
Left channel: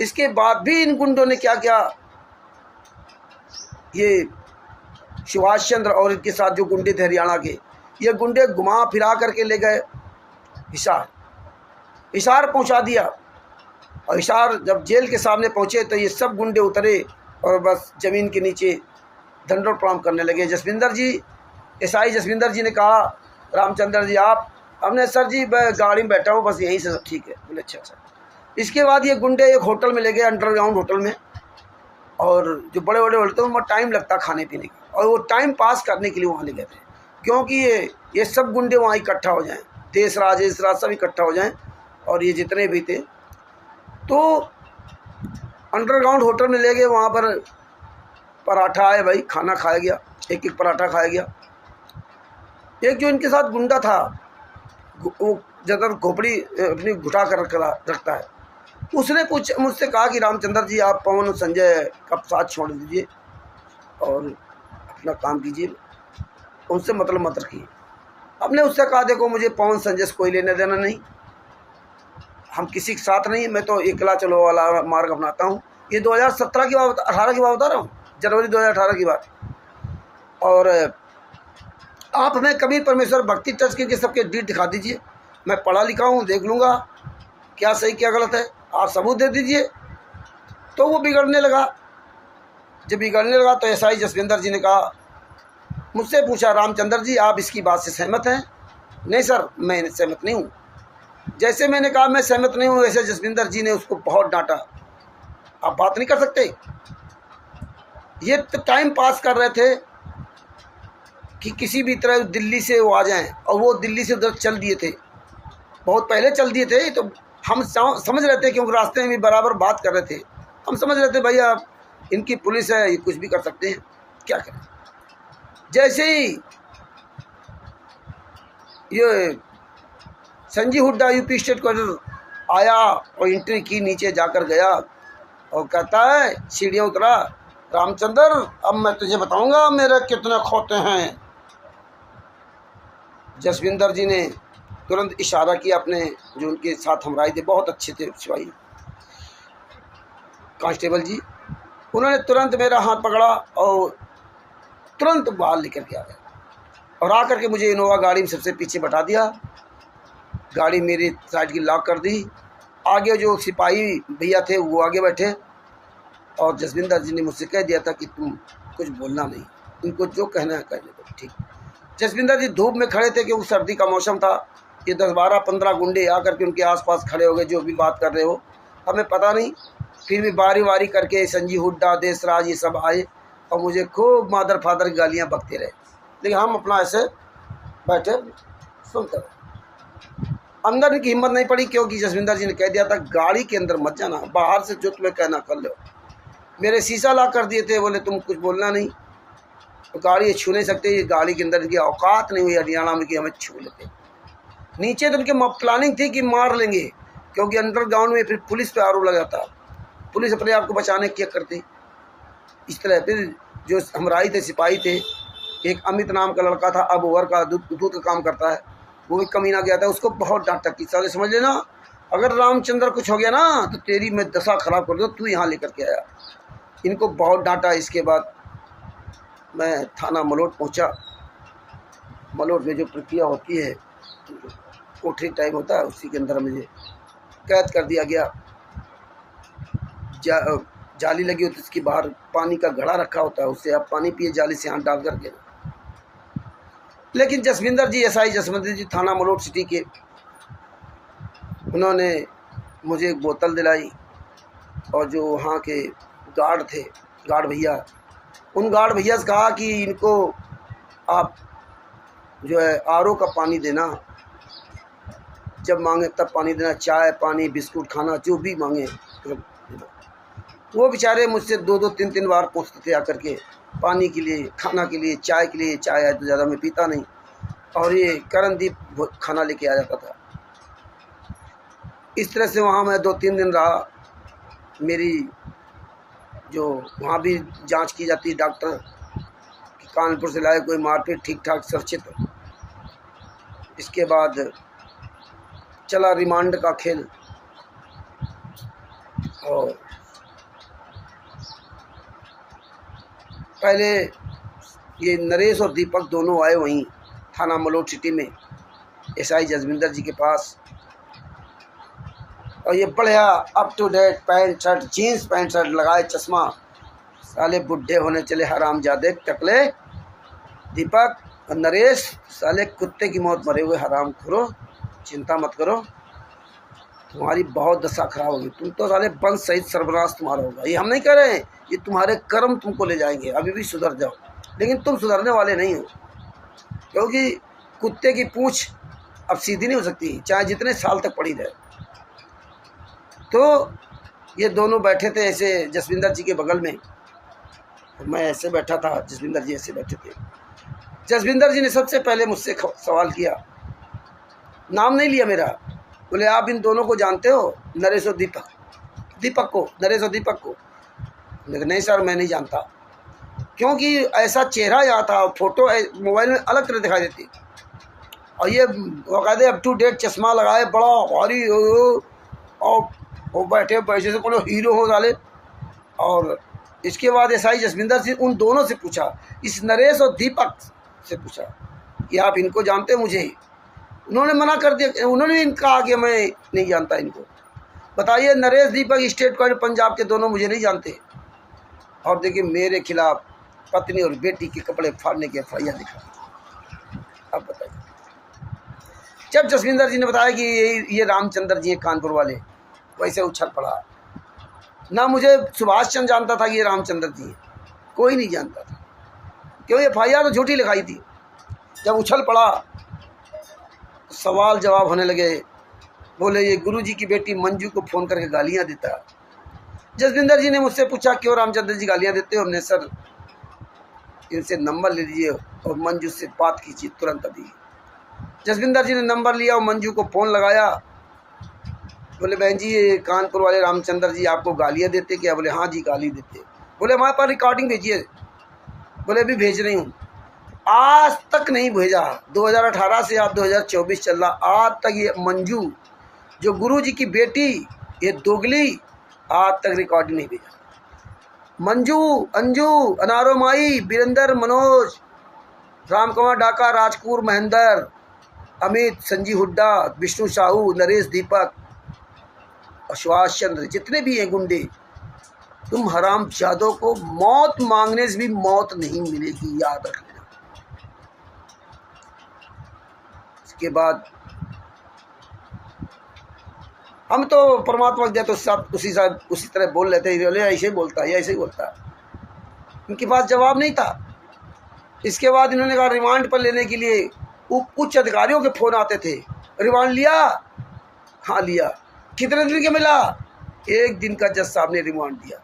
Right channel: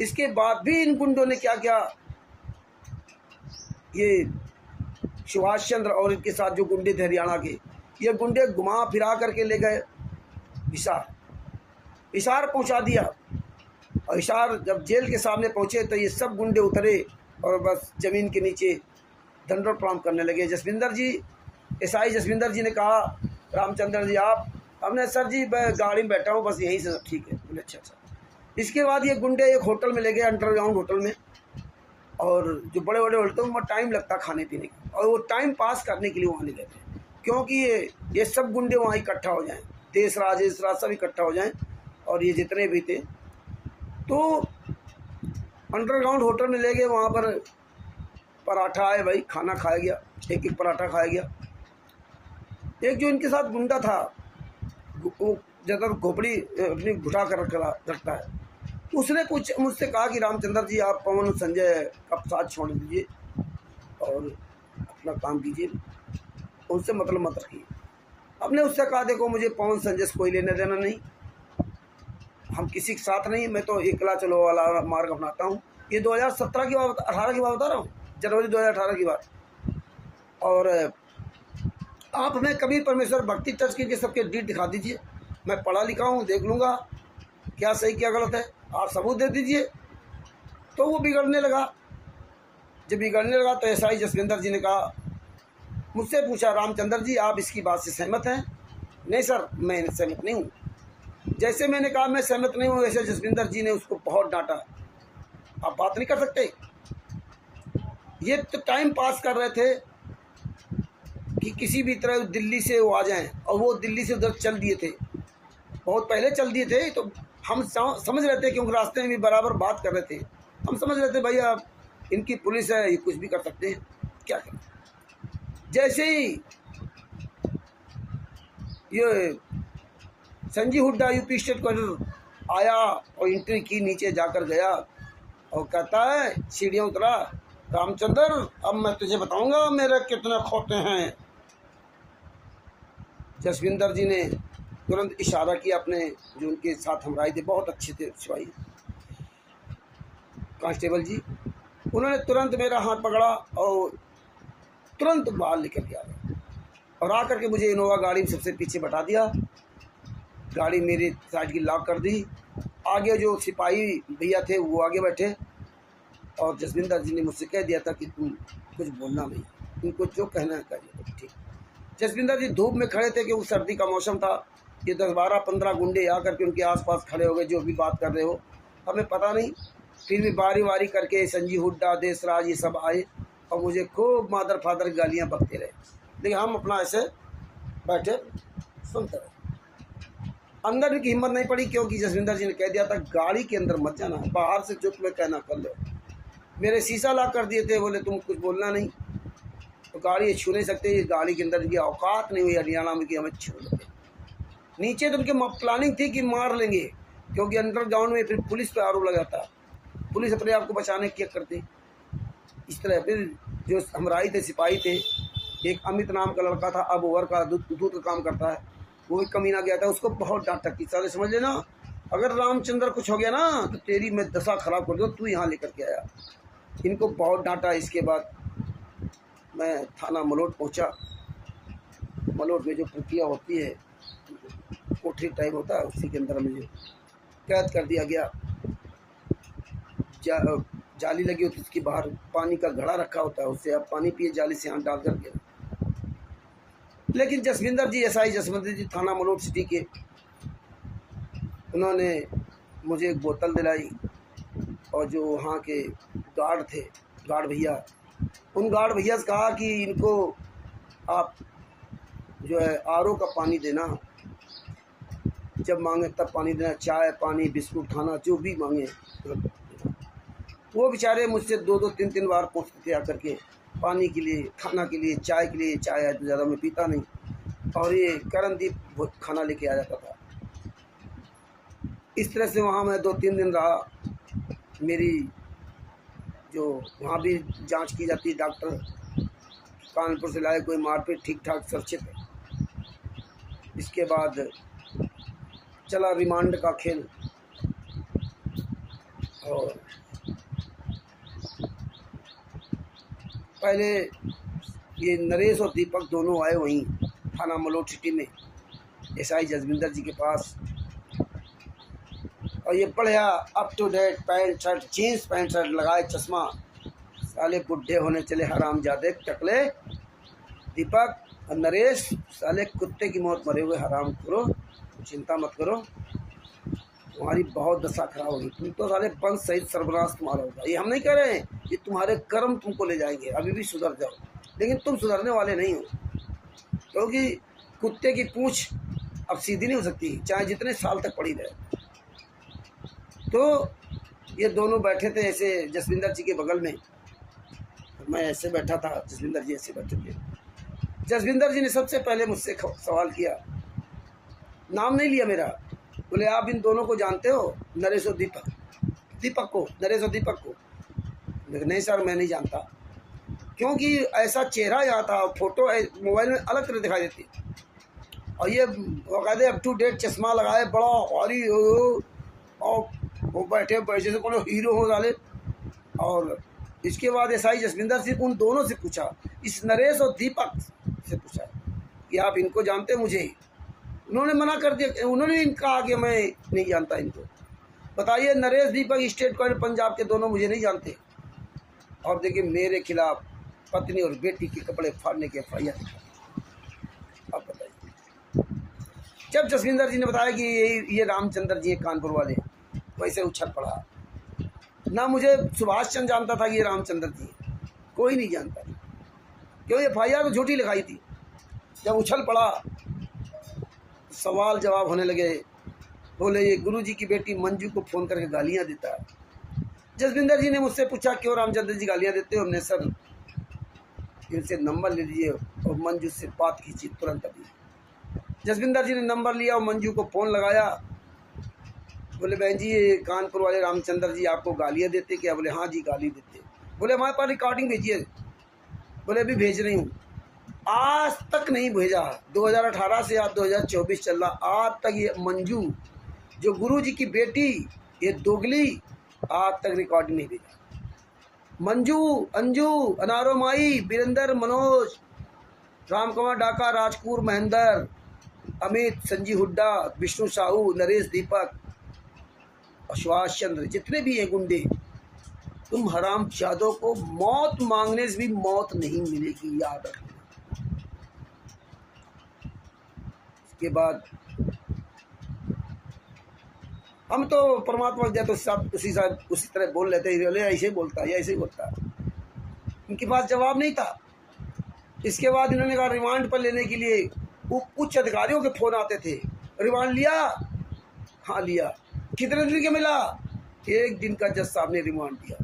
इसके बाद भी इन गुंडों ने क्या किया, ये सुभाष चंद्र और इनके साथ जो गुंडे थे हरियाणा के, ये गुंडे घुमा फिरा करके ले गए हिसार पहुंचा दिया। और हिसार जब जेल के सामने पहुंचे तो ये सब गुंडे उतरे और बस ज़मीन के नीचे दंडोत प्रणाम करने लगे। जसविंदर जी, एसआई जसविंदर जी ने कहा, रामचंद्र जी आप, हमने सर जी मैं गाड़ी में बैठा हूँ, बस यहीं से सब ठीक है। बोले अच्छा अच्छा। इसके बाद ये गुंडे एक होटल में ले गए, अंडरग्राउंड होटल में, और जो बड़े बड़े होटल में टाइम लगता खाने पीने का, और वो टाइम पास करने के लिए वहाँ ले गए थे, क्योंकि ये सब गुंडे वहाँ इकट्ठा हो जाएँ, देशराज सब इकट्ठा हो जाएँ, और ये जितने भी थे। तो अंडरग्राउंड होटल में ले गए, वहाँ पर पराठा आए भाई, खाना खाया गया, एक पराठा खाया गया। एक जो इनके साथ गुंडा था, वो ज़्यादातर खोपड़ी अपनी घुटा कर रखता है, उसने मुझसे कहा कि रामचंद्र जी आप पवन संजय का साथ छोड़ दीजिए और अपना काम कीजिए, उनसे मतलब मत रखिए। हमने उससे कहा देखो मुझे पवन संजय से कोई लेना देना नहीं, हम किसी के साथ नहीं, मैं तो एकला चलो वाला मार्ग अपनाता हूँ। ये 2017 की बात, 18 की बात बता रहा हूँ, जनवरी 2018 की बात। और आप हमें कभी परमेश्वर भक्ति टच करके सबके डीट दिखा दीजिए, मैं पढ़ा लिखा हूँ, देख लूँगा क्या सही क्या गलत है, आप सबूत दे दीजिए। तो वो बिगड़ने लगा। जब बिगड़ने लगा तो एसआई जसविंदर जी ने कहा, मुझसे पूछा, रामचंद्र जी आप इसकी बात से सहमत हैं? नहीं सर, मैं सहमत नहीं हूँ। जैसे मैंने कहा मैं सहमत नहीं हूँ, वैसे जसविंदर जी ने उसको बहुत डांटा, आप बात नहीं कर सकते। ये तो टाइम पास कर रहे थे कि किसी भी तरह दिल्ली से वो आ जाएं, और वो दिल्ली से उधर चल दिए थे, बहुत पहले चल दिए थे। तो हम समझ रहे थे, क्योंकि रास्ते में भी बराबर बात कर रहे थे, हम समझ रहे थे भैया इनकी पुलिस है, ये कुछ भी कर सकते हैं, क्या करें। जैसे ही ये Sanjeev Hooda UP state collector आया और एंट्री की, नीचे जाकर गया और कहता है, सीढ़ियाँ उतरा, रामचंद्र अब मैं तुझे बताऊंगा मेरे कितने खोते हैं। जसविंदर जी ने तुरंत इशारा किया, अपने जो उनके साथ हमराई थे, बहुत अच्छे थे सिपाही कांस्टेबल जी, उन्होंने तुरंत मेरा हाथ पकड़ा और तुरंत बाहर लेकर के आ गए, और आकर के मुझे इनोवा गाड़ी में सबसे पीछे बैठा दिया। गाड़ी मेरी साइड की लॉक कर दी, आगे जो सिपाही भैया थे वो आगे बैठे, और जसविंदर जी ने मुझसे कह दिया था कि तुम कुछ बोलना नहीं, इनको जो कहना है कहने दो। ठीक। जसविंदर जी धूप में खड़े थे, क्योंकि सर्दी का मौसम था। ये 10-12-15 गुंडे आकर के उनके आसपास खड़े हो गए, जो भी बात कर रहे हो हमें पता नहीं। फिर भी बारी बारी करके संजीव हुड्डा, देशराज, ये सब आए और मुझे खूब मादर फादर की गालियाँ बकते रहे, लेकिन हम अपना ऐसे बैठे सुनते रहे। अंदर इनकी हिम्मत नहीं पड़ी, क्योंकि जसविंदर जी ने कह दिया था गाड़ी के अंदर मत जाना, बाहर से जो तुम्हें कहना कर लो। मेरे शीशा ला कर दिए थे, बोले तुम कुछ बोलना नहीं, तो गाड़ी ये छू नहीं सकते, ये गाड़ी के अंदर इनकी औकात नहीं हुई हरियाणा में कि हमें छू लेते। नीचे तो उनकी प्लानिंग थी कि मार लेंगे, क्योंकि अंडरग्राउंड में फिर पुलिस पे आरोप लगा था, पुलिस अपने आप को बचाने क्या करती इस तरह। फिर जो हमराई थे, सिपाही थे, एक अमित नाम का लड़का था, अब ओवर का दूध का काम करता है, वो भी कमीना गया था, उसको बहुत डांटा कि साले समझ लेना अगर रामचंद्र कुछ हो गया ना तो तेरी मैं दशा खराब कर दो, तू यहाँ लेकर के आया। इनको बहुत डांटा। इसके बाद मैं थाना मलोट पहुँचा। मलोट में जो प्रक्रिया होती है, कोठरी टाइप होता है, उसी के अंदर मुझे कैद कर दिया गया। जाली लगी होती है, उसके बाहर पानी का घड़ा रखा होता है, उससे आप पानी पिए जाली से हाथ डाल करके। लेकिन जसविंदर जी, एसआई जसविंदर जी थाना मलोट सिटी के, उन्होंने मुझे एक बोतल दिलाई, और जो वहाँ के गार्ड थे, गार्ड भैया, उन गार्ड भैया से कहा कि इनको आप जो है आरओ का पानी देना, जब मांगे तब पानी देना, चाय पानी बिस्कुट खाना जो भी मांगे। वो बेचारे मुझसे 2-2 3-3 बार पूछते थे आकर के, पानी के लिए, खाना के लिए, चाय के लिए। चाय है तो ज़्यादा मैं पीता नहीं, और ये करणदीप खाना लेके आ जाता था। इस तरह से वहाँ मैं 2-3 दिन रहा। मेरी जो वहाँ भी जांच की जाती है, डॉक्टर कानपुर से लाए, कोई मारपीट ठीक ठाक सुरक्षित। इसके बाद चला रिमांड का खेल, और पहले ये नरेश और दीपक दोनों आए वहीं थाना मलोट सिटी में एसआई जसविंदर जी के पास, और ये बढ़िया up to date pant shirt, jeans pant shirt लगाए, चश्मा, साले बुढ़े होने चले हरामजादे टकले। दीपक और नरेश साले कुत्ते की मौत मरे हुए हराम खोरो, चिंता मत करो, तुम्हारी बहुत दशा खराब होगी, तुम तो साले वंश सहित सर्वनाश तुम्हारा होगा। ये हम नहीं कह रहे हैं, ये तुम्हारे कर्म तुमको ले जाएंगे, अभी भी सुधर जाओ, लेकिन तुम सुधरने वाले नहीं हो, क्योंकि कुत्ते की पूंछ अब सीधी नहीं हो सकती, चाहे जितने साल तक पड़ी रहे। तो ये दोनों बैठे थे ऐसे जसविंदर जी के बगल में, तो मैं ऐसे बैठा था, जसविंदर जी ऐसे बैठे थे। जसविंदर जी ने सबसे पहले मुझसे सवाल किया, नाम नहीं लिया मेरा, बोले आप इन दोनों को जानते हो, नरेश और दीपक को, नरेश और दीपक को? लेकिन नहीं सर, मैं नहीं जानता, क्योंकि ऐसा चेहरा यहाँ था, फोटो मोबाइल में अलग तरह दिखाई देती, और ये बाकायदे अप टू डेट चश्मा लगाए, बड़ा भारी, और वो बैठे पैसे से बोलो हीरो हो डाले। और इसके बाद एसआई जसविंदर सिंह उन दोनों से पूछा, इस नरेश और दीपक से पूछा कि आप इनको जानते हो? मुझे उन्होंने मना कर दिया, उन्होंने कहा कि मैं नहीं जानता इनको। बताइए, नरेश दीपक स्टेट कॉलेज पंजाब के दोनों मुझे नहीं जानते, और देखिए मेरे खिलाफ पत्नी और बेटी के कपड़े फाड़ने के एफआईआर लिखा। अब बताइए, जब जसविंदर जी ने बताया कि ये रामचंद्र जी हैं कानपुर वाले, वैसे उछल पड़ा। ना मुझे सुभाष चंद्र जानता था कि ये रामचंद्र जी हैं, कोई नहीं जानता था, क्यों एफआईआर तो झूठी लिखाई थी। जब उछल पड़ा, सवाल जवाब होने लगे। बोले ये गुरुजी की बेटी मंजू को फ़ोन करके गालियाँ देता है। जसविंदर जी ने मुझसे पूछा क्यों रामचंद्र जी गालियाँ देते हो? हमने सर इनसे नंबर ले लीजिए और मंजू से बात कीजिए तुरंत अभी। जसविंदर जी ने नंबर लिया और मंजू को फ़ोन लगाया। बोले बहन जी ये कानपुर वाले रामचंद्र जी आपको गालियाँ देते क्या? बोले हाँ जी गाली देते। बोले हमारे पास रिकॉर्डिंग भेजिए। बोले अभी भेज रही हूँ। आज तक नहीं भेजा, 2018 से आज 2024 चल रहा, आज तक ये मंजू जो गुरु जी की बेटी, ये दोगली, आज तक रिकॉर्डिंग नहीं भेजा। मंजू, अंजू, अनारो माई, बीरेंद्र, मनोज, रामकुमार डाका, राजकुमार महेंद्र, अमित, संजीव हुड्डा, विष्णु साहू, नरेश दीपक, सुभाष चंद्र, जितने भी हैं गुंडे, तुम हराम जादों को मौत मांगने से भी मौत नहीं मिलेगी, याद रखना। इसके बाद हम तो परमात्मा दिया तो सब उसी तरह बोल लेते हैं, ऐसे ही बोलता है, ऐसे ही बोलता है। इनके पास जवाब नहीं था। इसके बाद इन्होंने कहा रिमांड पर लेने के लिए उच्च अधिकारियों के फ़ोन आते थे, रिमांड लिया? हाँ लिया। कितने दिन के मिला? 1 दिन का जज साहब ने रिमांड दिया।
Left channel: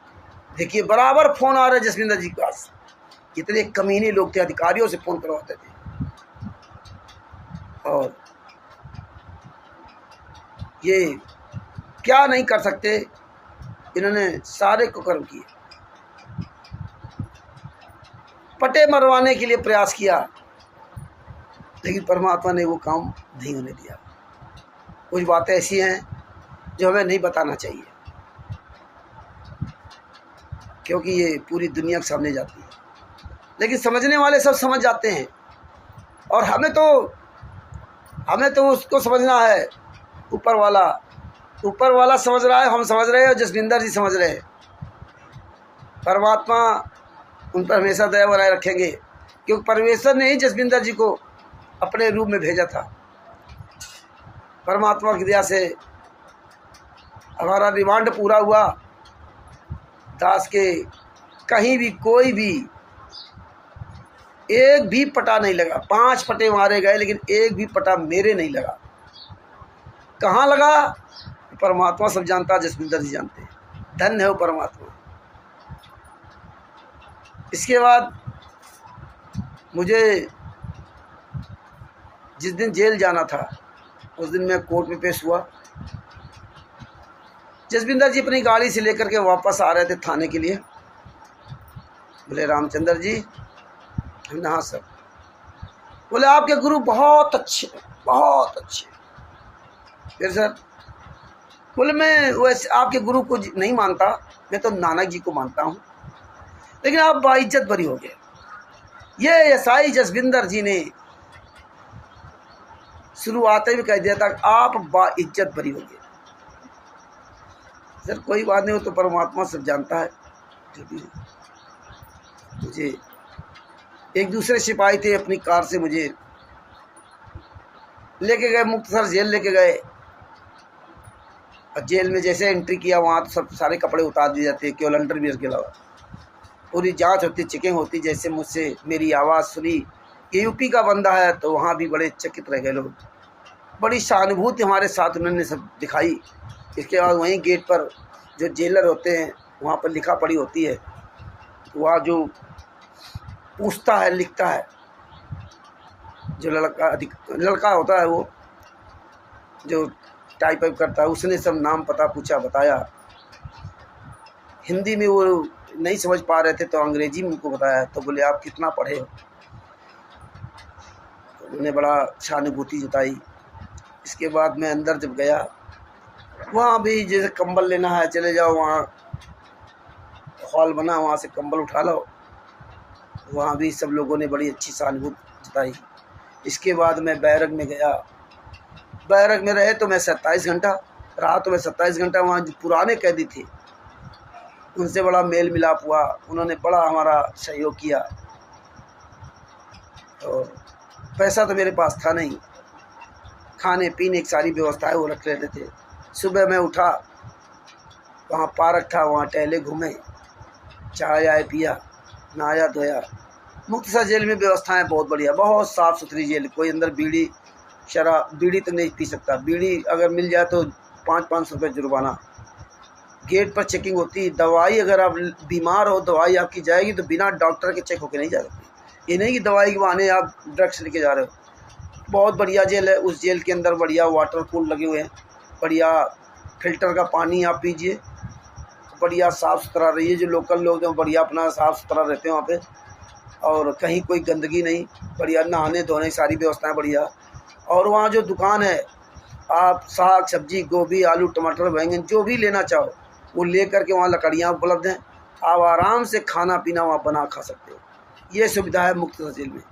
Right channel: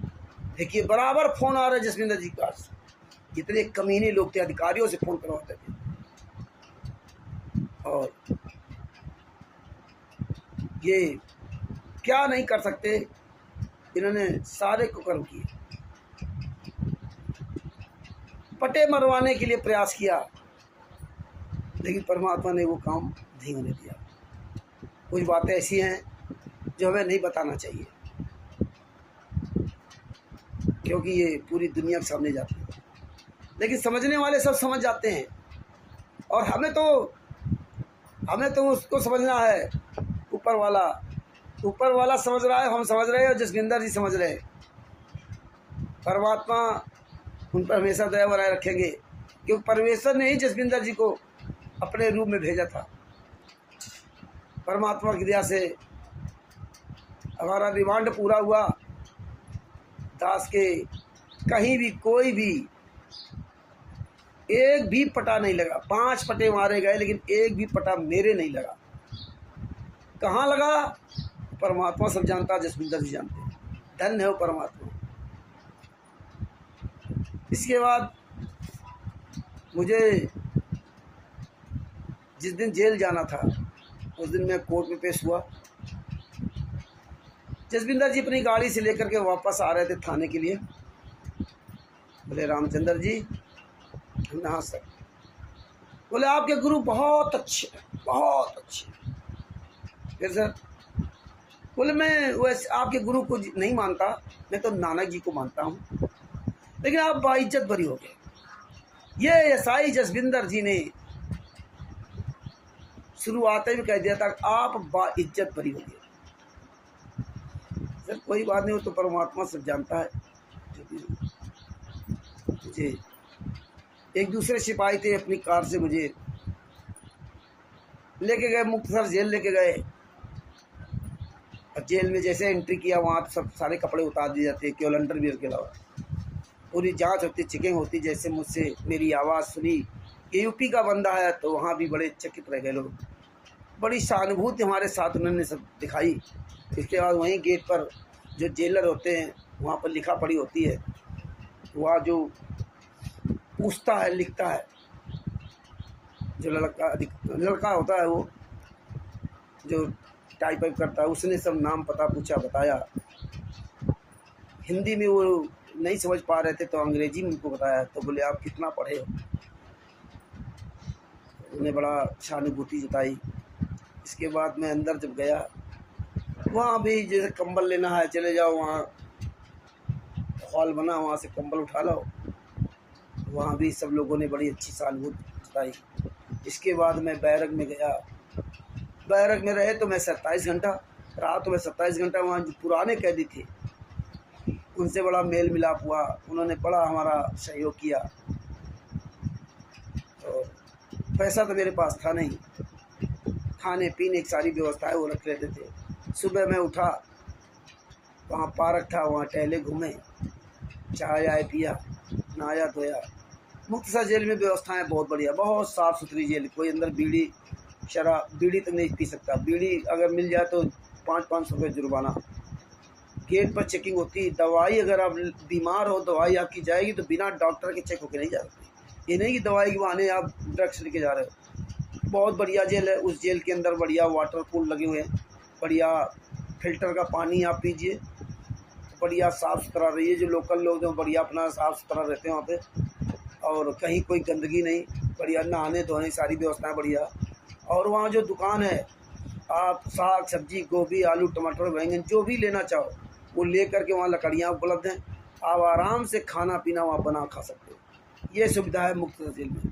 देखिए बराबर फ़ोन आ रहा है जसविंदर जी के पास। कितने कमीने लोग थे, अधिकारियों से फ़ोन करवाते थे। और ये क्या नहीं कर सकते, इन्होंने सारे कुकर्म किए। पटे मरवाने के लिए प्रयास किया, लेकिन परमात्मा ने वो काम नहीं होने दिया। कुछ बातें ऐसी हैं जो हमें नहीं बताना चाहिए, क्योंकि ये पूरी दुनिया के सामने जाती है। लेकिन समझने वाले सब समझ जाते हैं, और हमें तो उसको समझना है। ऊपर वाला समझ रहा है, हम समझ रहे हैं, और जसविंदर जी समझ रहे हैं। परमात्मा उन पर हमेशा दया बनाए रखेंगे, क्योंकि परमेश्वर ने ही जसविंदर जी को अपने रूप में भेजा था। परमात्मा की दया से हमारा रिमांड पूरा हुआ। दास के कहीं भी कोई भी एक भी पटा नहीं लगा। 5 पटे मारे गए, लेकिन एक भी पटा मेरे नहीं लगा। कहाँ लगा? परमात्मा सब जानता, जसविंदर जी जानते हैं। धन्य है वो परमात्मा। इसके बाद मुझे जिस दिन जेल जाना था, उस दिन मैं कोर्ट में पेश हुआ। जसविंदर जी अपनी गाड़ी से लेकर के वापस आ रहे थे थाने के लिए। बोले रामचंद्र जी। हमने हाँ सर। बोले आपके गुरु बहुत अच्छे, बहुत अच्छे। फिर सर? बोले मैं वैसे आपके गुरु को नहीं मानता, मैं तो नानक जी को मानता हूँ, लेकिन आप बाइज्जत बरी हो गए। ये एसआई जसविंदर जी ने शुरुआत में कह दिया था आप बाइज्जत बरी हो गए। सर कोई बात नहीं, वो तो परमात्मा सब जानता है। मुझे एक दूसरे सिपाही थे, अपनी कार से मुझे लेके गए, मुक्तसर जेल लेके गए। और जेल में जैसे एंट्री किया, वहाँ तो सब सारे कपड़े उतार दिए जाते, केवल अंडरवियर के अलावा। पूरी जांच होती, चेकिंग होती। जैसे मुझसे मेरी आवाज़ सुनी ये यूपी का बंदा है, तो वहाँ भी बड़े चकित रह गए लोग। बड़ी सहानुभूति हमारे साथ उन्होंने सब दिखाई। इसके बाद वहीं गेट पर जो जेलर होते हैं, वहाँ पर लिखा पढ़ी होती है। वहाँ जो पूछता है, लिखता है, जो लड़का होता है, वो जो टाइप वाइप करता है, उसने सब नाम पता पूछा, बताया। हिंदी में वो नहीं समझ पा रहे थे, तो अंग्रेजी में उनको बताया। तो बोले आप कितना पढ़े हो? उन्होंने बड़ा सहानुभूति जताई। इसके बाद मैं अंदर जब गया, वहाँ भी जैसे कंबल लेना है, चले जाओ, वहाँ हॉल बना, वहाँ से कंबल उठा लो। वहाँ भी सब लोगों ने बड़ी अच्छी सहानुभूति जताई। इसके बाद मैं बैरक में गया। बैरक में रहे तो मैं 27 घंटा रहा। तो मैं 27 घंटा वहाँ जो पुराने कैदी थे, उनसे बड़ा मेल मिलाप हुआ। उन्होंने बड़ा हमारा सहयोग किया। और पैसा तो मेरे पास था नहीं, खाने पीने की सारी व्यवस्थाएं वो रख लेते थे। सुबह मैं उठा, वहाँ पार्क था, वहाँ टहले, घूमे, चाय आए पिया, नहाया धोया। मुक्तसर जेल में व्यवस्थाएं बहुत बढ़िया, बहुत साफ़ सुथरी जेल। कोई अंदर बीड़ी शराब, बीड़ी तो नहीं पी सकता। बीड़ी अगर मिल जाए तो 500 रुपये जुर्माना। गेट पर चेकिंग होती। दवाई अगर आप बीमार हो, दवाई आपकी जाएगी तो बिना डॉक्टर के चेक होके नहीं जा सकती। ये नहीं कि दवाई के बहाने आप ड्रग्स लेके जा रहे हो। बहुत बढ़िया जेल है। उस जेल के अंदर बढ़िया वाटर कूल लगे हुए हैं, बढ़िया फिल्टर का पानी आप पीजिए, बढ़िया साफ़ सुथरा रहिए। जो लोकल लोग हैं बढ़िया अपना साफ़ सुथरा रहते हैं वहाँ पे, और कहीं कोई गंदगी नहीं, बढ़िया नहाने धोने सारी व्यवस्थाएं बढ़िया। और वहाँ जो दुकान है, आप साग सब्जी, गोभी, आलू, टमाटर, बैंगन जो भी लेना चाहो वो ले करके, वहाँ लकड़ियाँ उपलब्ध हैं। आप आराम से खाना पीना वहाँ बना खा सकते हो। ये सुविधा है मुक्तसर जेल में।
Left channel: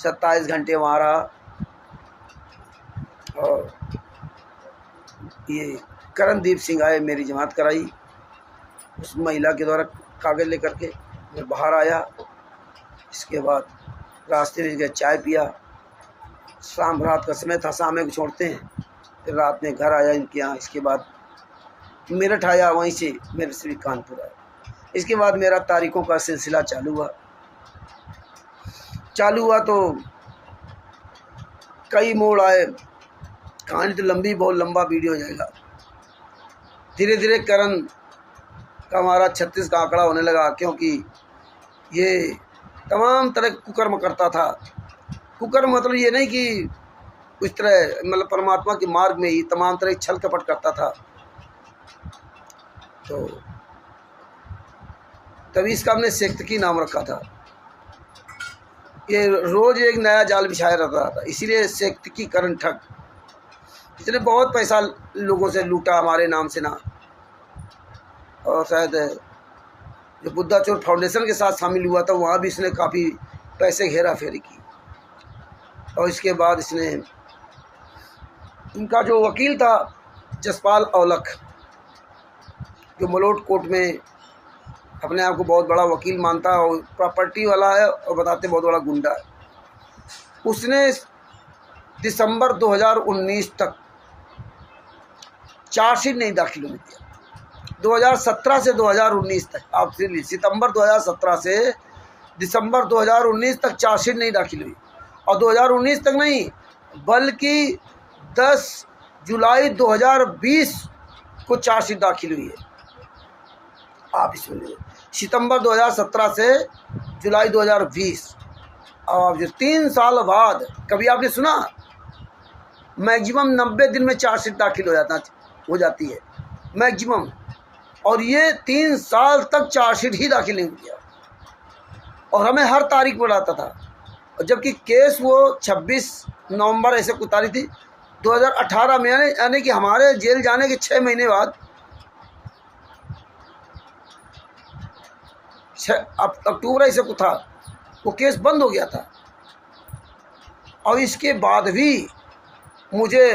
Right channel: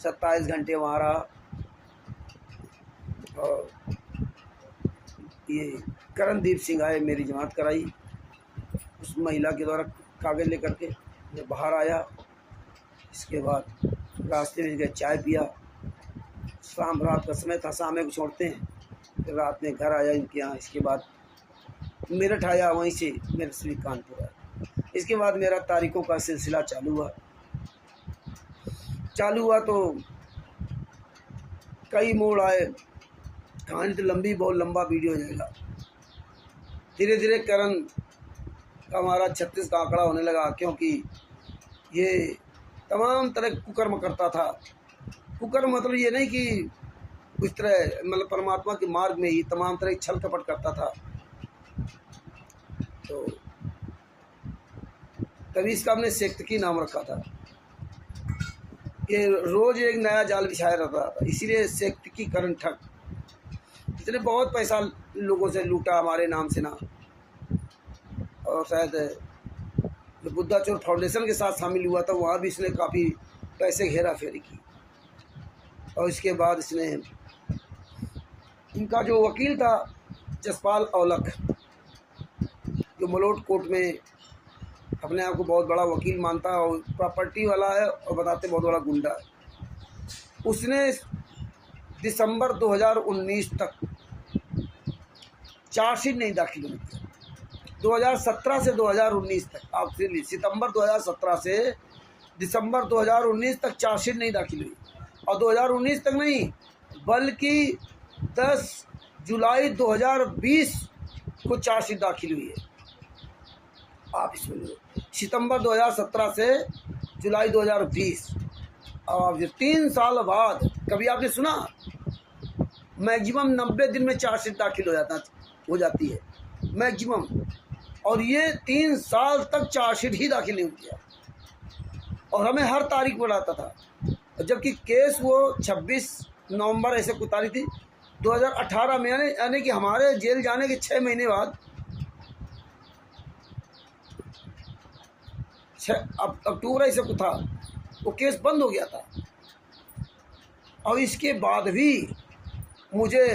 27 घंटे वहाँ रहा। और ये करणदीप सिंह आए, मेरी जमात कराई। उस महिला के द्वारा कागज़ लेकर के मैं बाहर आया। इसके बाद रास्ते में गए, चाय पिया। शाम रात का समय था, शाम को छोड़ते हैं। फिर रात में घर आया इनके यहाँ। इसके बाद मेरठ आया, वहीं से मेरे से कानपुर आया। इसके बाद मेरा तारीखों का सिलसिला चालू हुआ। तो कई मोड़ आए, कहानी तो लंबी, बहुत लंबा वीडियो हो जाएगा। धीरे धीरे करण का हमारा 36 का आंकड़ा होने लगा, क्योंकि ये तमाम तरह कुकर्म करता था। कुकर्म मतलब ये नहीं कि उस तरह, मतलब परमात्मा के मार्ग में ही तमाम तरह छल कपट करता था। तो तभी इसका हमने सेक्तकी नाम रखा था। ये रोज एक नया जाल बिछाया रहता था, इसीलिए सेक्तकी करण ठग। इसने बहुत पैसा लोगों से लूटा हमारे नाम से ना, और शायद जो बुद्धा चोर फाउंडेशन के साथ शामिल हुआ था वहाँ भी इसने काफ़ी पैसे घेरा फेरी की। और इसके बाद इसने, इनका जो वकील था जसपाल औलख, जो मलोट कोर्ट में अपने आप को बहुत बड़ा वकील मानता है और प्रॉपर्टी वाला है और बताते बहुत बड़ा गुंडा है, उसने दिसंबर 2019 तक चार्जशीट नहीं दाखिल होने दिया। 2017 से 2019 तक, आप सितंबर 2017 से दिसंबर 2019 तक चार्जशीट नहीं दाखिल हुई। और 2019 तक नहीं, बल्कि 10 जुलाई 2020 को चार्जशीट दाखिल हुई है। आप इसमें सितंबर 2017 से जुलाई 2020, और 3 साल बाद, कभी आपने सुना मैक्सिमम 90 दिन में चार्जशीट दाखिल हो जाती है मैक्सिमम, और ये 3 साल तक चार्जशीट ही दाखिल नहीं किया और हमें हर तारीख बढ़ाता था। और जबकि केस वो 26 नवंबर ऐसे कोई तारीख थी 2018 में, यानी कि हमारे जेल जाने के 6 महीने बाद, अक्टूबर ऐसे को था, वो केस बंद हो गया था। और इसके बाद भी मुझे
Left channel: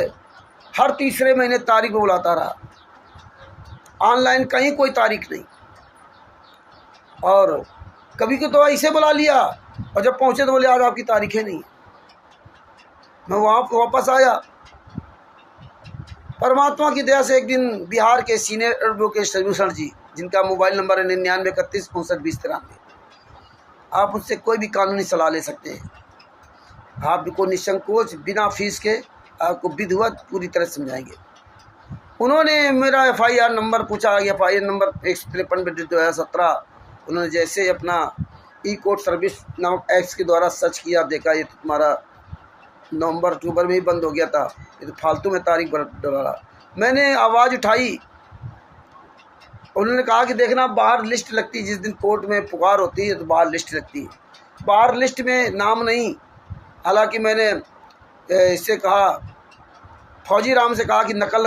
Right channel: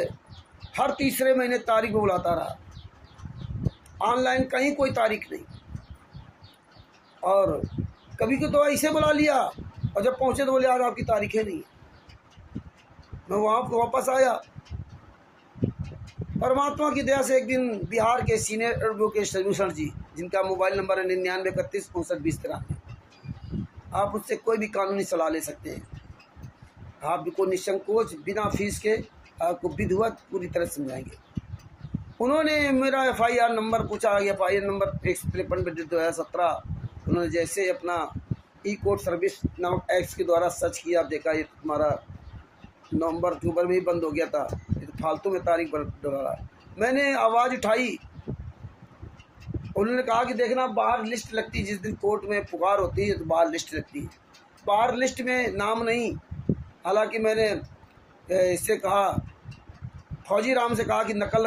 हर तीसरे महीने तारीख में बुलाता रहा, ऑनलाइन कहीं कोई तारीख नहीं। और कभी को तो ऐसे बुला लिया और जब पहुंचे तो बोले आज आपकी तारीखें नहीं। मैं वहाँ वापस आया। परमात्मा की दया से एक दिन बिहार के सीनियर एडवोकेट सलूषण जी, जिनका मोबाइल नंबर है 99 31 59 20 93, आप उससे कोई भी कानूनी सलाह ले सकते हैं। आपको निसंकोच बिना फीस के आपको विधिवत पूरी तरह समझाएंगे। उन्होंने मेरा FIR नंबर पूछा, FIR नंबर 153/2017। उन्होंने जैसे अपना E-कोर्ट सर्विस नामक एक्ट के द्वारा सर्च किया, देखा ये तो तुम्हारा नवंबर अक्टूबर में ही बंद हो गया था, ये तो फालतू में तारीख डाला। मैंने आवाज़ उठाई, उन्होंने कहा कि देखना बाहर लिस्ट लगती है, जिस दिन कोर्ट में पुकार होती है तो बाहर लिस्ट लगती है, बाहर लिस्ट में नाम नहीं। हालांकि मैंने इससे कहा, फौजी राम से कहा कि नकल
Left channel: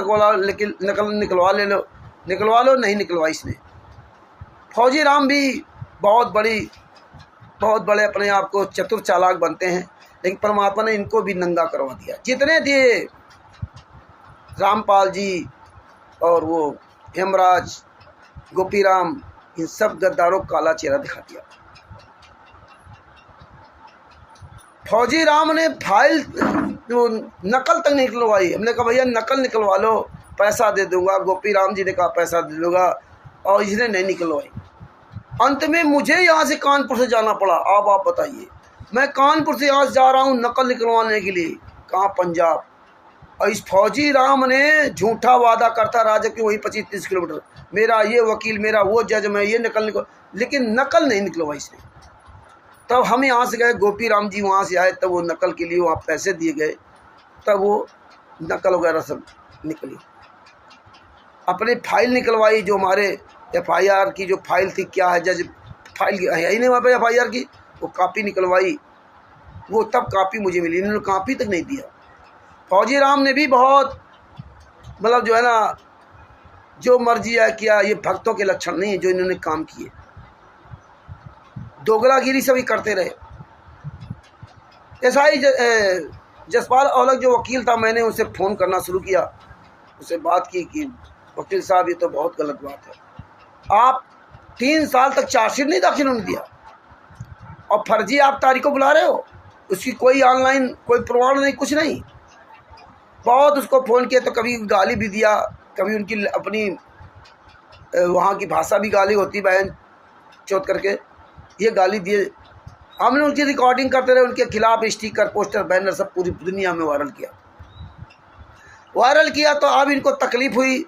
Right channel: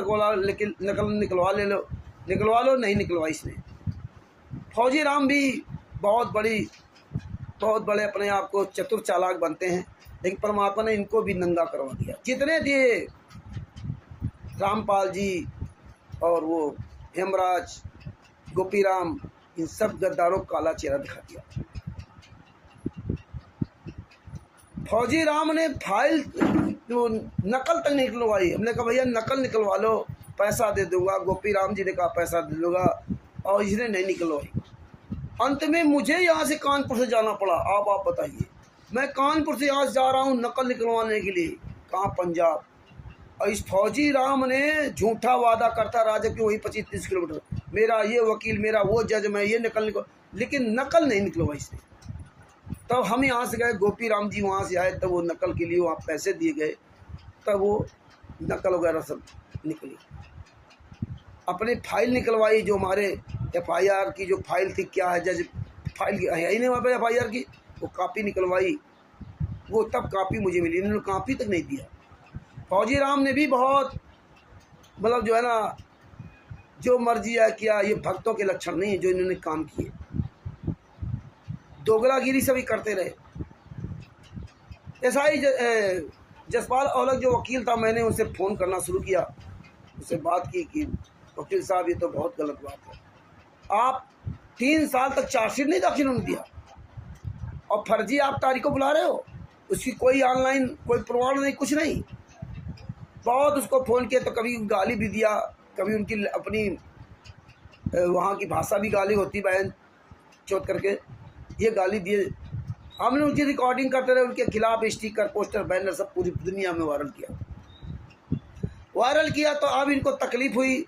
निकलवा लो, नहीं निकलवाई इसने। फौजी राम भी बहुत बड़े अपने आप को चतुर चालाक बनते हैं, लेकिन परमात्मा ने इनको भी नंगा करवा दिया। जितने दिए रामपाल जी और वो हेमराज, गोपीराम, इन सब गद्दारों को काला चेहरा दिखा दिया। फौजी राम ने फाइल जो नकल तक नहीं निकलवाई। हमने कहा भैया नकल निकलवा लो, पैसा दे दूंगा। गोपीराम जी ने कहा पैसा दे दूंगा, और इसने नहीं निकलवाई। अंत में मुझे यहाँ से कानपुर से जाना पड़ा। आप बताइए, मैं कानपुर से यहाँ से जा रहा हूँ नकल निकलवाने के लिए, कहाँ पंजाब। और इस फौजी राम ने झूठा वादा करता रहा, जबकि वही 25-30 किलोमीटर, मेरा ये वकील, मेरा वो जज, मैं ये लेकिन नकल नहीं निकलवाई इसने। तब हम यहाँ से गए, गोपीराम जी वहाँ से आए, तब वो नकल के लिए वहाँ पैसे दिए गए, तब वो नकल वगैरह सब निकली। अपनी फाइल निकलवाई, जो हमारे FIR की जो फाइल थी, क्या है जज फाइल है ही नहीं वहाँ पे FIR की, वो कापी निकलवाई, वो तब कापी मुझे मिली। इन्होंने कापी तक नहीं दिया। फौजी राम ने भी बहुत मतलब जो है ना, जो मर्जी है किया। ये भक्तों के लक्षण नहीं है जो इन्होंने काम किए, दोगलागिरी सभी करते रहे। ऐसा ही जसपाल औलख जो वकील था, मैंने उसे फ़ोन करना शुरू किया, उससे बात की कि वकील साहब ये तो बहुत गलत बात है, आप 3 साल तक चार्जशीट नहीं दाखिल होने दिया और फर्जी आप तारीख को बुला रहे हो, उसकी कोई ऑनलाइन कोई प्रमाण नहीं, कुछ नहीं। बहुत उसको फ़ोन किया तो कभी गाली भी दिया, कभी उनकी अपनी वहाँ की भाषा भी गाली होती, बहन चौथ करके ये गाली दिए। हमने उनकी रिकॉर्डिंग करते रहे, उनके खिलाफ स्टिकर पोस्टर बैनर सब पूरी दुनिया में वायरल किया। तो अब इनको तकलीफ हुई,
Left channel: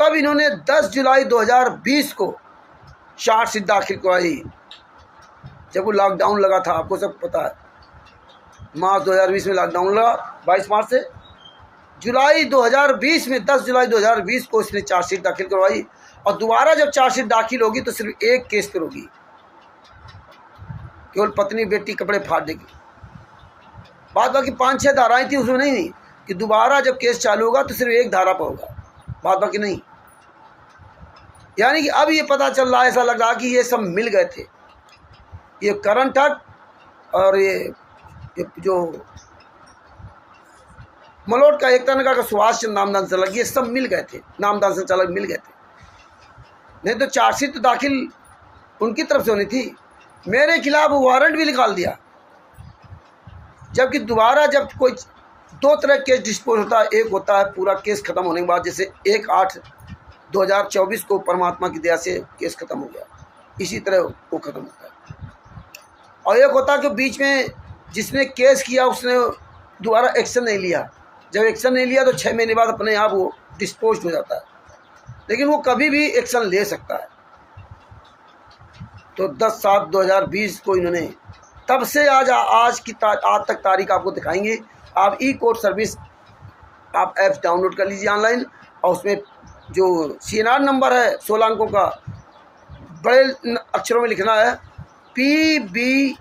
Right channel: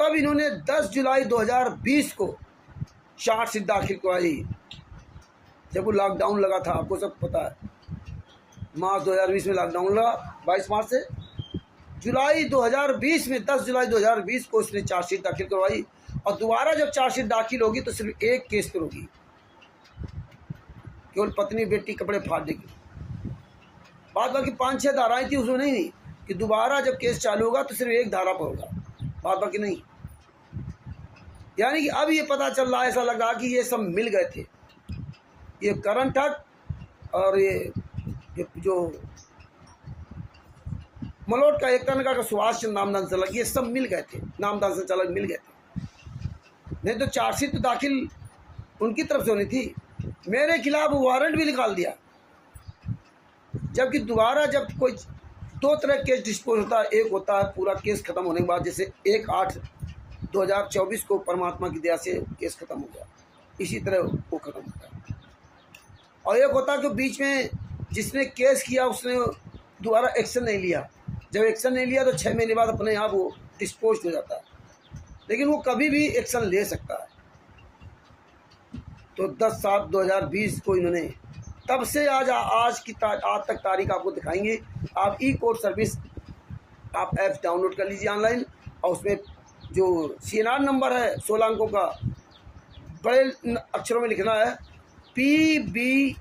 तब इन्होंने 10 जुलाई 2020 को चार्जशीट दाखिल करवाई, जब वो लॉकडाउन लगा था। आपको सब पता है, मार्च 2020 में लॉकडाउन लगा, 22 मार्च से। जुलाई 2020 में 10 जुलाई 2020 को इसने चार्जशीट दाखिल करवाई, और दोबारा जब चार्जशीट दाखिल होगी तो सिर्फ एक केस पर होगी, केवल पत्नी बेटी कपड़े फाड़ देगी। बाद बाकी 5-6 धाराएं थी, उसमें नहीं कि दोबारा जब केस चालू होगा तो सिर्फ एक धारा पर होगा, बाद बाकी नहीं। यानी कि अब ये पता चल रहा है, ऐसा लग रहा कि ये सब मिल गए थे, ये करण ठग और ये जो मलोट का एकता नगर का सुभाष चंद्र नामदान चालक, ये सब मिल गए थे, नामदान से चालक मिल गए थे। नहीं तो चार्जशीट तो दाखिल उनकी तरफ से होनी थी, मेरे खिलाफ वारंट भी निकाल दिया। जबकि दोबारा जब कोई 2 तरह केस डिस्पोज होता है, एक होता है पूरा केस खत्म होने के बाद, जैसे 1/8/2024 को परमात्मा की दया से केस खत्म हो गया, इसी तरह वो खत्म होता है। और एक होता है कि बीच में जिसने केस किया उसने दोबारा एक्शन नहीं लिया, जब एक्शन नहीं लिया तो 6 महीने बाद अपने आप वो डिस्पोज हो जाता है, लेकिन वो कभी भी एक्शन ले सकता है। तो 10/7/2020 को इन्होंने, तब से आज तक तारीख आपको दिखाएंगे। आप ई कोर्ट सर्विस आप ऐप डाउनलोड कर लीजिए ऑनलाइन, और उसमें जो CNR नंबर है 16 अंकों का, बड़े अक्षरों में लिखना है PBSMB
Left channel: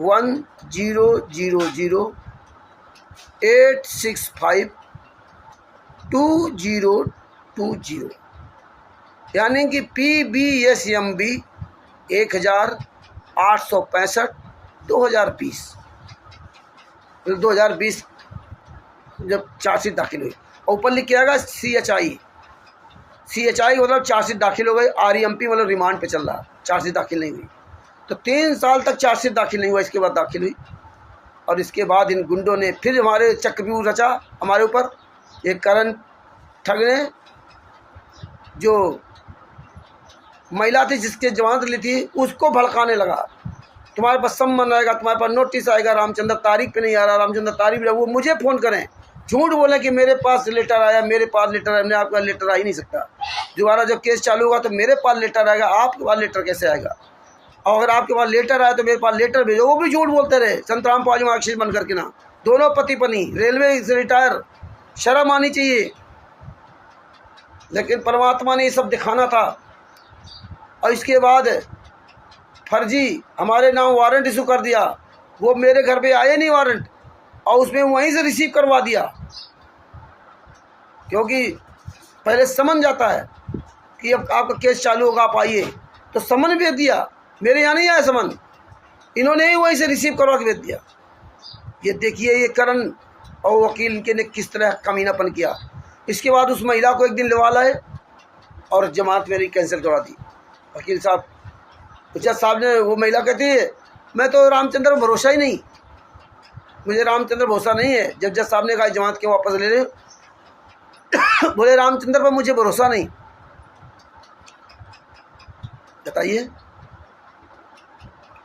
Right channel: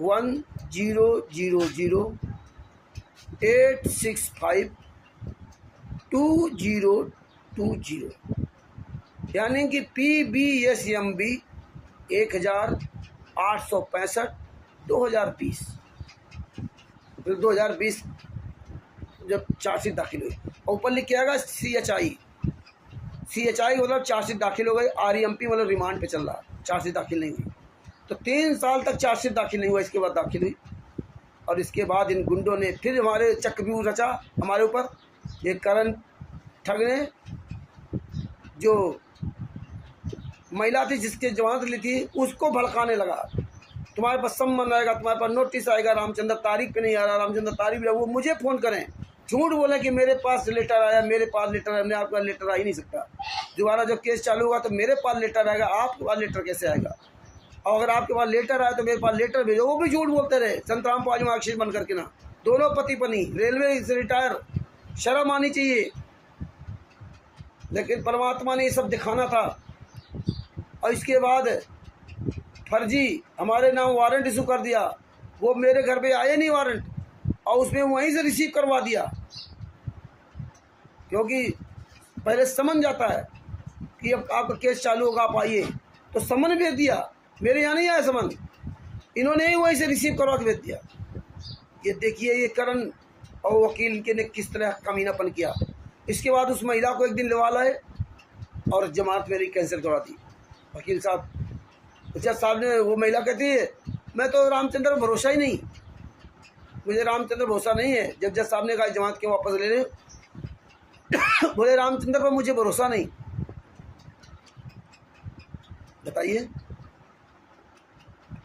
1000-865-2020, यानी कि PBSMB 1865-2020। 2020 जब चार्जशीट दाखिल हुई, और ऊपर लिख के आएगा CHI मतलब चार्जशीट दाखिल हो गई, REMP मतलब रिमांड पे चल रहा, चार्जशीट दाखिल नहीं हुई। तो 3 साल तक चार्जशीट दाखिल नहीं हुआ, इसके बाद दाखिल हुई। और इसके बाद इन गुंडों ने फिर हमारे चक्रव्यूह रचा हमारे ऊपर। ये करण ठग ने, जो महिला थी जिसके जमानत ली थी, उसको भड़काने लगा, तुम्हारे पास सम्मन आएगा, तुम्हारे पास नोटिस आएगा, रामचंद्र तारीख पे नहीं आ रहा, रामचंद्र तारीख पे, वो मुझे फ़ोन करें, झूठ बोले कि मेरे पास लेटर आया, मेरे पास लेटर आया। मैंने आपका लेटर आ ही नहीं सकता, दोबारा जब केस चालू होगा तो मेरे पास लेटर आएगा, आपके पास लेटर कैसे आएगा? और अगर आपके पास लेटर आया तो मेरे पास लेटर भेजो। वो भी झूठ बोलते रहे, संतराम पाजी मार्कशीट बन करके ना, दोनों पति पत्नी, रेलवे से रिटायर, शर्म आनी चाहिए। लेकिन परमात्मा ने ये सब दिखाना था। और इसके बाद फर्जी हमारे नाम वारंट इशू कर दिया, वो मेरे घर पे आए नहीं वारंट, और उसमें वहीं से रिसीव करवा दिया, क्योंकि पहले समन जाता है कि अब आपका केस चालू होगा, आप आइए, तो समन भेज दिया, मेरे यहाँ नहीं आया समन, इन्होंने ही वहीं से रिसीव करवा के भेज दिया। ये देखिए ये करण और वकील के ने किस तरह कमीनापन किया। इसके बाद उस महिला को एक दिन लवा लाए और जमानत मेरी कैंसिल करवा दी। वकील साहब, जज साहब ने, वो महिला कहती है मैं तो रामचंद्र पर भरोसा ही नहीं, मुझे रामचंद्र भरोसा नहीं है। जब जज साहब ने कहा जमानत क्यों वापस ले रहे, बोले रामचंद्र पर मुझे भरोसा नहीं। बताइए,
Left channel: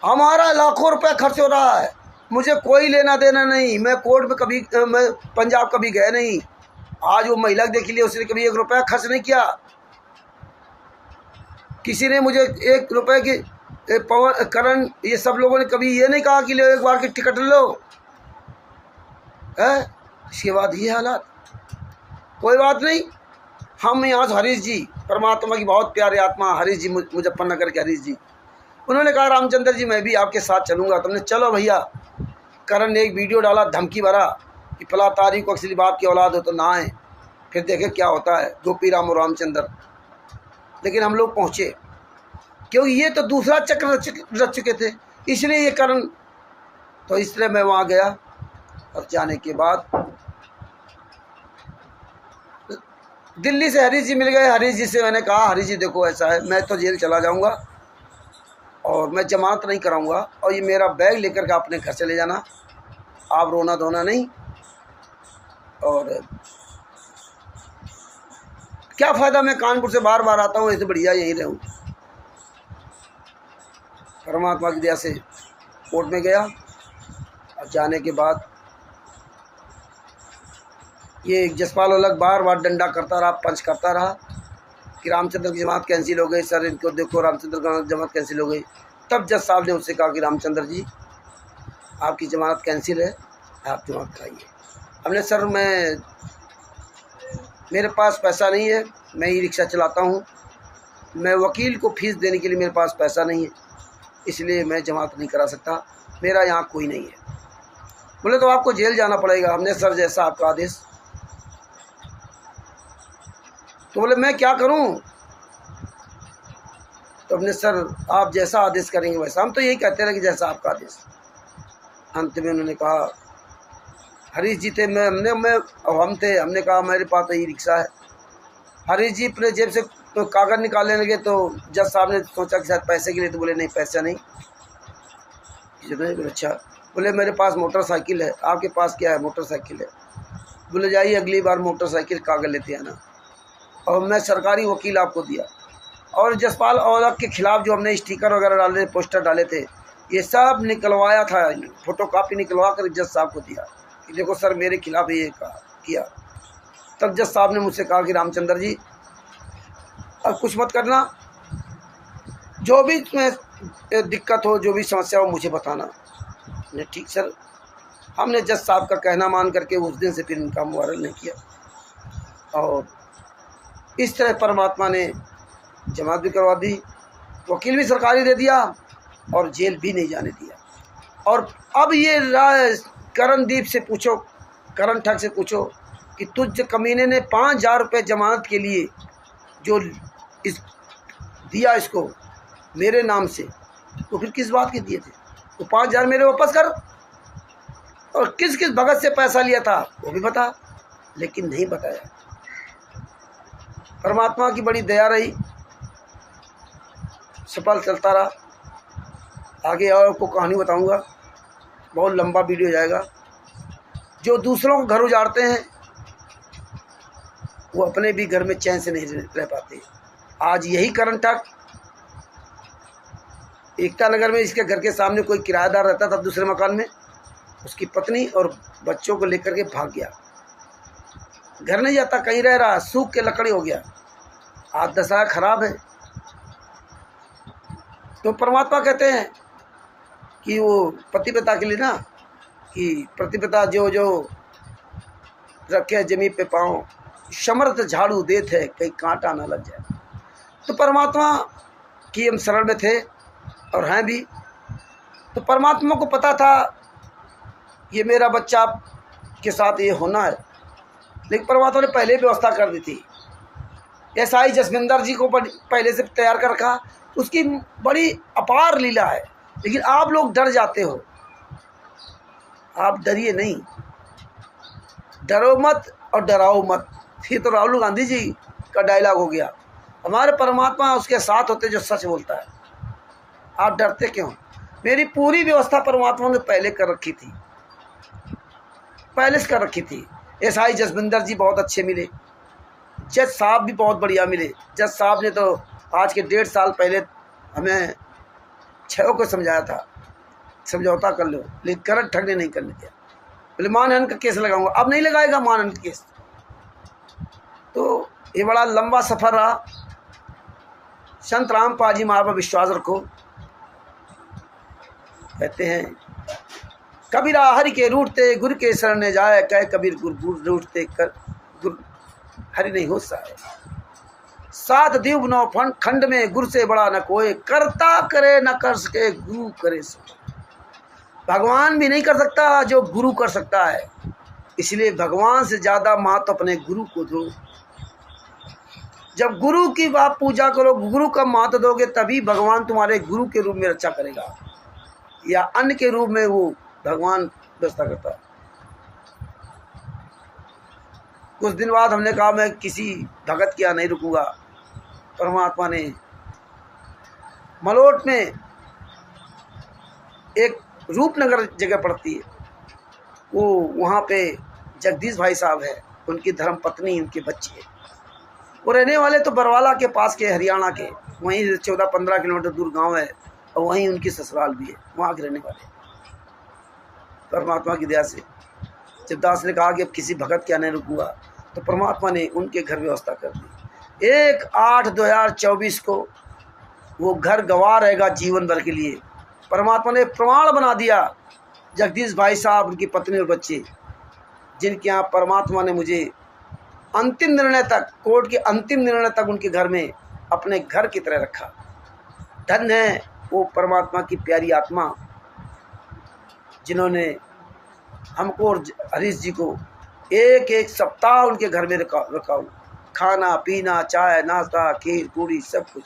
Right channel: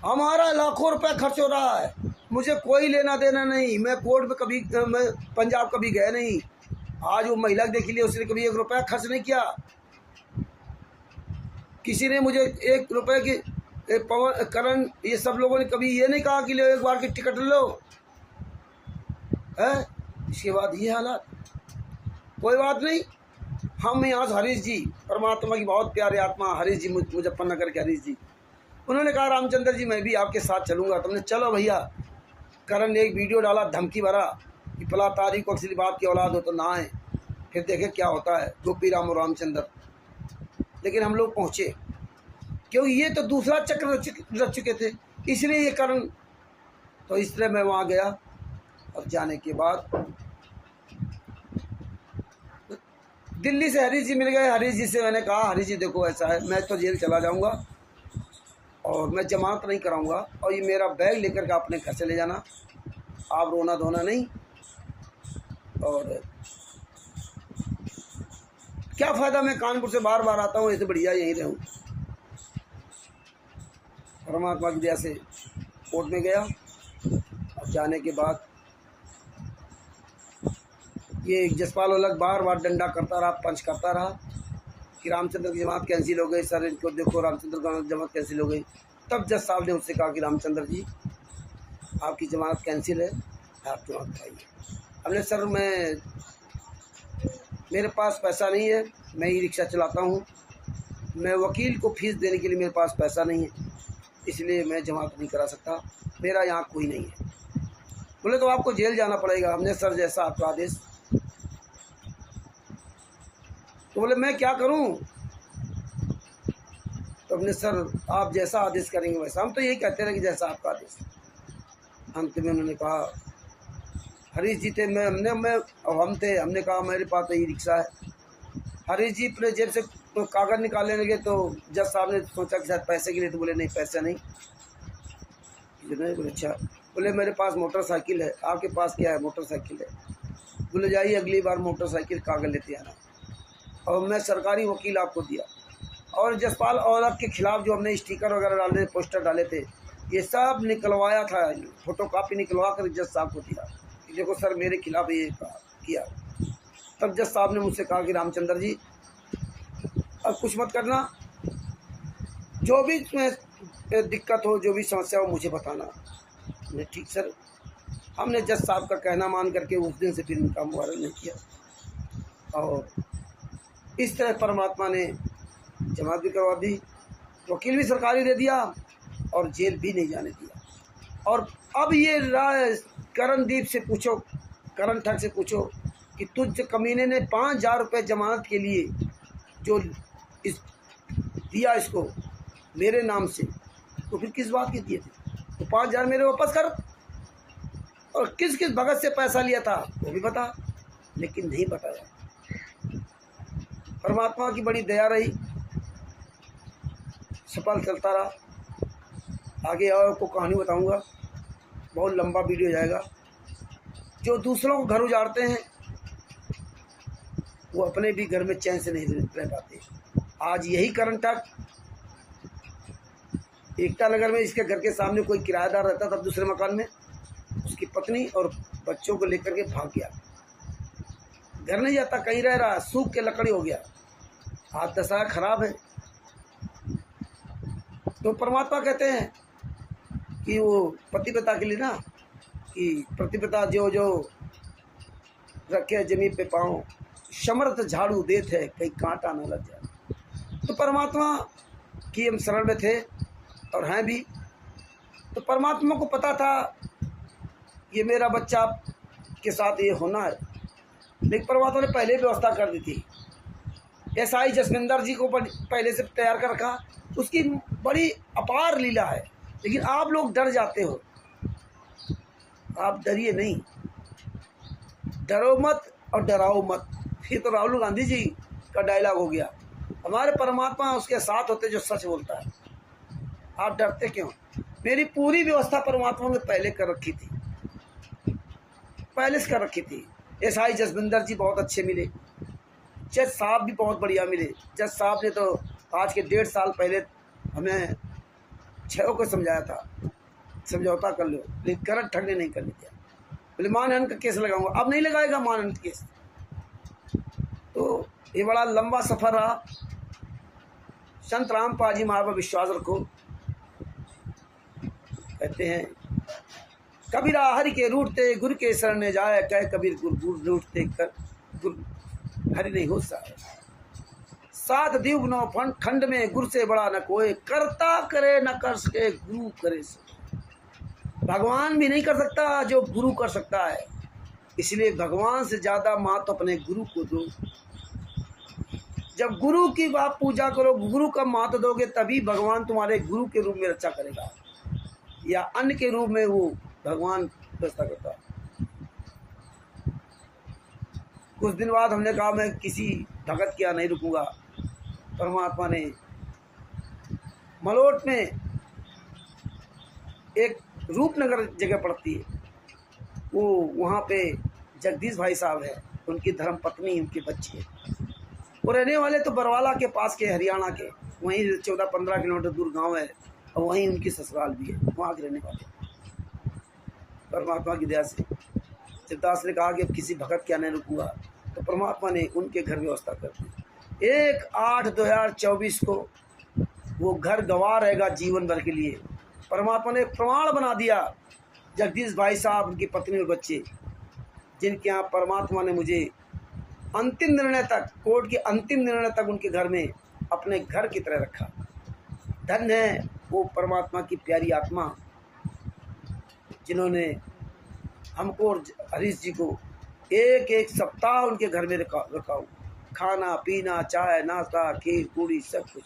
हमारा लाखों रुपए खर्च हो रहा है, मुझे कोई लेना देना नहीं, मैं कोर्ट में कभी, मैं पंजाब कभी गया नहीं। आज वो महिला देख लिए, उसने कभी 1 रुपया खर्च नहीं किया। किसी ने मुझे 1 रुपये की, पवन करण, ये सब लोगों ने कभी ये नहीं कहा कि लो 1 बार की टिकट लो है। इसके बाद ये हालात, कोई बात नहीं। हम यहाँ हरीश जी, परमात्मा की बहुत प्यारे आत्मा हरीश जी, मुजफ्फरनगर के हरीश जी, उन्होंने कहा रामचंद्र जी मैं भी आपके साथ चलूँगा। तुमने चलो भैया। करण ने एक वीडियो डाला धमकी भरा कि फला तारीख को असली बाप की औलाद हो तो ना आए, फिर देखे क्या होता है, गोपी राम और रामचंद्र। लेकिन हम लोग पहुँचे, क्योंकि ये तो दूसरा चक्र रच चुके थे, इसलिए ये करण। तो इसलिए मैं वहाँ गया, और जाने के बाद दिल्ली से हरीश जी मिल गए। हरीश जी से मैंने कहा हरीश जी देखो ऐसा है, मैं तो जेल चला जाऊँगा और मैं जमानत नहीं कराऊंगा, और ये मेरा बैग लेकर के अपने घर चले जाना, आप रोना धोना नहीं। और क्या फ़ायदा, मैं कानपुर से बार बार आता हूँ, इससे बढ़िया यहीं रहूँ। परमात्मा की दया से कोर्ट में गया और जाने के बाद ये जसपाल अलग बार बार डंडा करता रहा, पंच करता रहा कि रामचंद्र की जमात कैंसिल हो गई सर, इनको देखो रामचंद्र का जमात कैंसिल हो गई। तब जज साहब ने उससे कहा कि रामचंद्र जी आपकी जमानत कैंसिल है, आप जमात कराइए। हमने सर मेरे पास पैसा नहीं है, मैं ई रिक्शा चलाता हूँ, मैं वकील को फीस देने के लिए मेरे पास पैसा नहीं है, इसलिए मैं जमात नहीं करा सकता, मेरा यहाँ कोई नहीं है। बोले तो आपको जेल जाना पड़ेगा। हमने सर जैसा आपका आदेश। तो बोले मैं क्या करूं? तो हमने सर आप जैसा आदेश करेंगे वैसा। हम तो यही कहते रहे कि जैसा आपका आदेश। अंत में उन्होंने कहा हरीश जी थे, हम थे, हमने कहा मेरे पास तो ई रिक्शा है। हरीश जी अपने जेब से तो कागज़ निकालने लगे तो जज साहब ने सोचा कि शायद पैसे के लिए, तो बोले नहीं पैसा नहीं। बोले अच्छा। बोले मेरे पास मोटरसाइकिल है, आपके पास क्या है? मोटरसाइकिल है। बोले जाइए अगली बार मोटरसाइकिल कागज़ लेते आना। और मैं सरकारी वकील आपको दिया। और जसपाल औलख के खिलाफ जो हमने स्टिकर वगैरह डाले, पोस्टर डाले थे, ये सब निकलवाया था, फोटोकॉपी निकलवा कर जज साहब को दिया कि देखो सर मेरे खिलाफ ये किया। तब जज साहब ने मुझसे कहा कि रामचंद्र जी अब कुछ मत करना, जो भी तुम्हें दिक्कत हो, जो भी समस्या हो मुझे बताना। ने ठीक सर। हमने जज साहब का कहना मान करके उस दिन से फिर इनका मुआरल नहीं किया। और इस तरह परमात्मा ने जमात भी करवा दी, वकील भी सरकारी दे दिया और जेल भी नहीं जाने दिया। और अब ये करणदीप से पूछो, करण ठग से पूछो कि तुझ कमीने ने 5,000 रुपये जमानत के लिए जो दिया इसको मेरे नाम से, तो फिर किस बात के दिए थे? तो 5,000 मेरे वापस कर। और किस किस भगत से पैसा लिया था वो भी बता, लेकिन नहीं बताया। परमात्मा की बड़ी दया रही, सफल चलता रहा। आगे और आपको कहानी बताऊंगा, बहुत लंबा वीडियो जाएगा। जो दूसरों को घर उजाड़ते हैं वो अपने भी घर में चैन से नहीं रह पाते। आज यही करण ठग एकता नगर में, इसके घर के सामने कोई किराएदार रहता था दूसरे मकान में, उसकी पत्नी और बच्चों को लेकर के भाग गया। घर नहीं जाता, कहीं रह रहा, सूख के लकड़ी हो गया, आज दशा खराब है। तो परमात्मा कहते हैं कि वो पति पिता के लिए ना, कि प्रतिपिता जो जो रखे जमीन पे पाँव, समर्थ झाड़ू देते है कहीं कांटा ना लग जाए। तो परमात्मा की हम शरण में थे और हैं भी। तो परमात्मा को पता था ये मेरा बच्चा के साथ ये होना है, लेकिन परमात्मा ने पहले व्यवस्था कर दी थी। एसआई जसविंदर जी को पहले से तैयार कर रखा, उसकी बड़ी अपार लीला है। लेकिन आप लोग डर जाते हो, आप डरिए नहीं, डरो मत और डराओ मत। ये तो राहुल गांधी जी का डायलॉग हो गया। हमारे परमात्मा उसके साथ होते जो सच बोलता है। आप डरते क्यों? मेरी पूरी व्यवस्था परमात्मा ने पहले कर रखी थी, पहले से कर रखी थी। एसआई जसविंदर जी बहुत अच्छे मिले, जज साहब भी बहुत बढ़िया मिले। जज साहब ने तो आज के 1.5 साल पहले हमें 6 को समझाया था समझौता कर लो, लेकिन करण ठग ने नहीं करने दिया। बोले मानहानि का केस लगाऊंगा, अब नहीं लगाएगा मानहानि का केस। तो ये बड़ा लंबा सफ़र रहा। संत रामपाल जी महाराज पर विश्वास रखो। कहते हैं कबीरा हरि के रूठते गुरु के शरण ने जाए, कहे कबीर गुरु रूठते कर गुरु हरि नहीं हो साए। 7 दीव 9 खंड में गुरु से बड़ा न कोई, करता करे न कर सके गुरु करे सो। भगवान भी नहीं कर सकता जो गुरु कर सकता है, इसलिए भगवान से ज़्यादा महत्व अपने गुरु को दो। जब गुरु की आप पूजा करो, गुरु का महत्व दोगे, तभी भगवान तुम्हारे गुरु के रूप में रक्षा करेगा, या अन्य के रूप में वो भगवान व्यवस्था करता है। कुछ दिन बाद हमने कहा मैं किसी भगत के यहाँ नहीं रुकूंगा। परमात्मा ने मलोट में एक रूपनगर जगह पड़ती है, वो वहाँ पे जगदीश भाई साहब है, उनकी धर्म पत्नी, उनके बच्चे। वो रहने वाले तो बरवाला के पास के, हरियाणा के, वहीं 14-15 किलोमीटर दूर गांव है। और वहीं उनकी ससुराल भी है, वहाँ के रहने वाले। परमात्मा की दया से जब दास ने कहा कि अब किसी भगत के आने रुकूंगा, तो परमात्मा ने उनके घर व्यवस्था कर दी। 1/8/2024 को वो घर गंवा रहेगा जीवन भर के लिए। परमात्मा ने प्रमाण बना दिया। जगदीश भाई साहब, उनकी पत्नी और बच्चे, जिनके यहाँ परमात्मा ने मुझे अंतिम निर्णय तक, कोर्ट के अंतिम निर्णय तक उनके घर में अपने घर की तरह रखा। धन्य है वो परमात्मा की प्यारी आत्मा, जिन्होंने हमको और हरीश जी को एक सप्ताह उनके घर में रखा। खाना पीना, चाय नाश्ता, खीर पूरी सब कुछ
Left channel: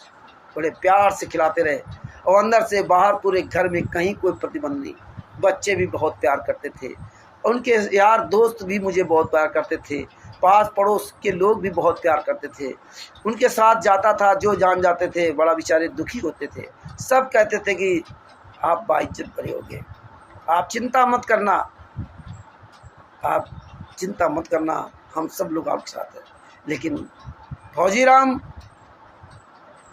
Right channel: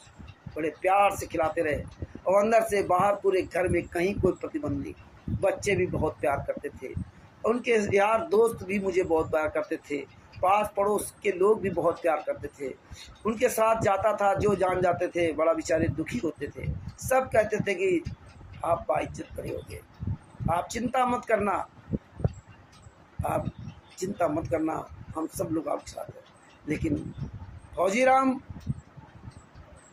बड़े प्यार से खिलाते रहे, और अंदर से बाहर पूरे घर में कहीं कोई प्रतिबंध नहीं। बच्चे भी बहुत प्यार करते थे, उनके यार दोस्त भी मुझे बहुत प्यार करते थे, पास पड़ोस के लोग भी बहुत प्यार करते थे। उनके साथ जाता था, जो जान जाते थे बड़ा बेचारे दुखी होते थे। सब कहते थे कि आप बाइज्जत बड़े हो गए, आप चिंता मत करना, आप चिंता मत करना, हम सब लोग आपके साथ हैं। लेकिन फौजी राम,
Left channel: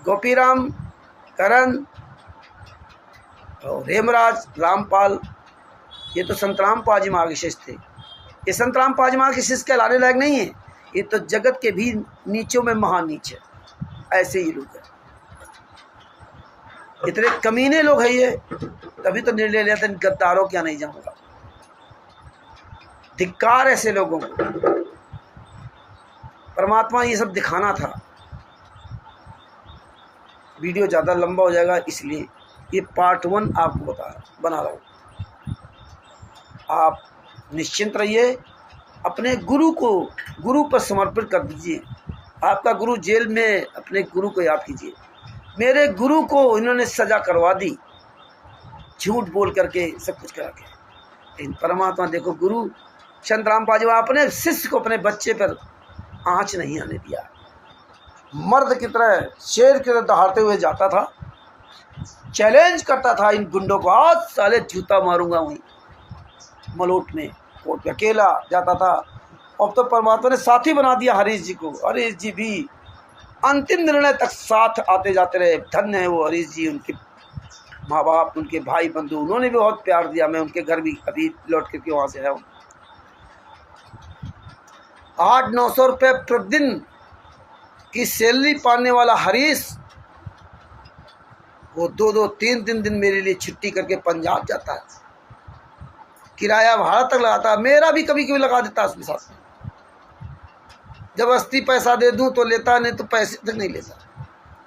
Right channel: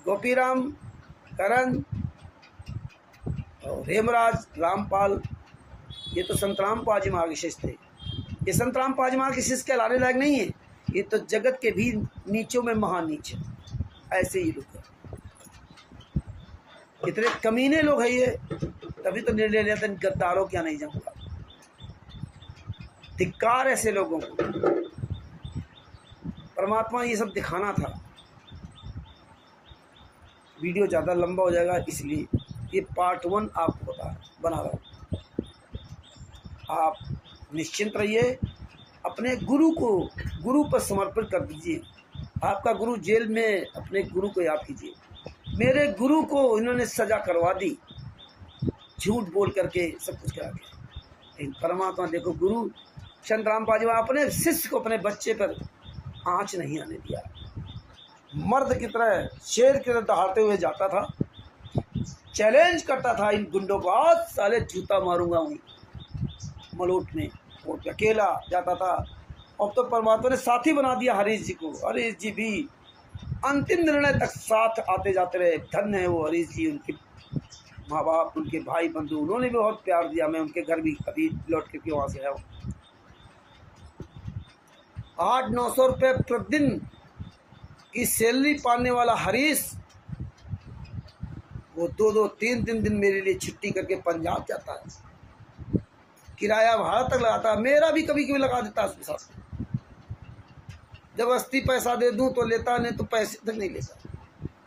गोपी राम, करण और हेमराज, रामपाल, ये तो संत रामपाल जी महाराज के शिष्य थे। ये संत रामपाल जी महाराज के शिष्य कहलाने लायक नहीं है, ये तो जगत के भी नीचों में महान नीच है। ऐसे ही लोग हैं, इतने कमीने लोग हैं ये, तभी तो निर्णय लिया था गद्दारों क्या नहीं जाऊंगा। धिक्कार ऐसे लोगों को। परमात्मा ये सब दिखाना था। वीडियो ज़्यादा लंबा हो जाएगा, इसलिए ये पार्ट 1 आपको बना रहा हूँ। आप निश्चिंत रहिए, अपने गुरु पर समर्पित कर दीजिए। आपका गुरु जेल में, अपने गुरु को याद कीजिए। मेरे गुरु को इन्होंने सज़ा करवा दी, झूठ बोल करके, सब कुछ करा के। लेकिन परमात्मा देखो, गुरु संत रामपाल जी अपने शिष्य को, अपने बच्चे पर आँच नहीं आने दिया। मर्द की तरह, शेर की तरह दहाड़ते हुए जाता था, चैलेंज करता था इन गुंडों को, आज साले जूता मारूंगा। वहीं मलोट में कोर्ट पे अकेला जाता था। अब तो परमात्मा ने साथी बना दिया हरीश जी को। हरीश जी भी अंतिम निर्णय तक साथ आते जाते रहे। धन्य है वो हरीश जी, उनके माँ बाप, उनके भाई बंधु, उन्होंने भी बहुत प्यार दिया। मैं उनके घर भी अभी लौट करके वहाँ से आया हूँ। 800-900 रुपये प्रतिदिन की सैलरी पाने वाला हरीश, वो 2-2, 3-3 दिन मेरे लिए छुट्टी करके पंजाब जाता है, किराया भाड़ा तक लगाता है। मेरा भी कभी कभी लगा देता है उसके साथ। जब अस्ती पैसा दे दूं तो लेता, नहीं तो पैसे तक नहीं लेता।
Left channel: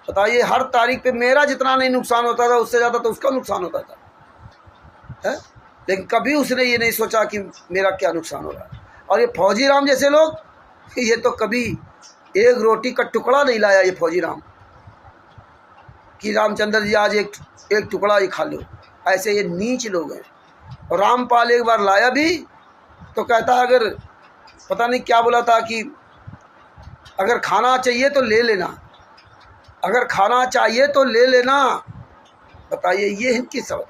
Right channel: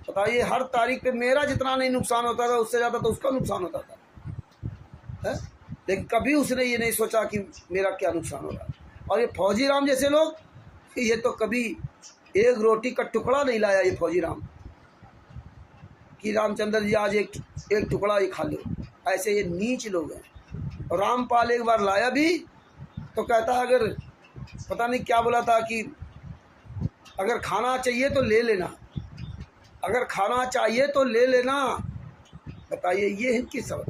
बताइए, हर तारीख पे मेरा जितना नहीं नुकसान होता था, उससे ज़्यादा तो उसका नुकसान होता था, है? लेकिन कभी उसने ये नहीं सोचा कि मेरा क्या नुकसान हो रहा है। और ये फौजी राम जैसे लोग, ये तो कभी एक रोटी का टुकड़ा नहीं लाया ये फौजी राम, कि रामचंद्र जी आज एक टुकड़ा ही खा लो। ऐसे ये नीच लोग हैं। और रामपाल एक बार लाया भी तो कहता, अगर पता नहीं क्या बोला था कि अगर खाना चाहिए तो ले लेना, अगर खाना चाहिए तो ले लेना। बताइए, ये इनकी सब।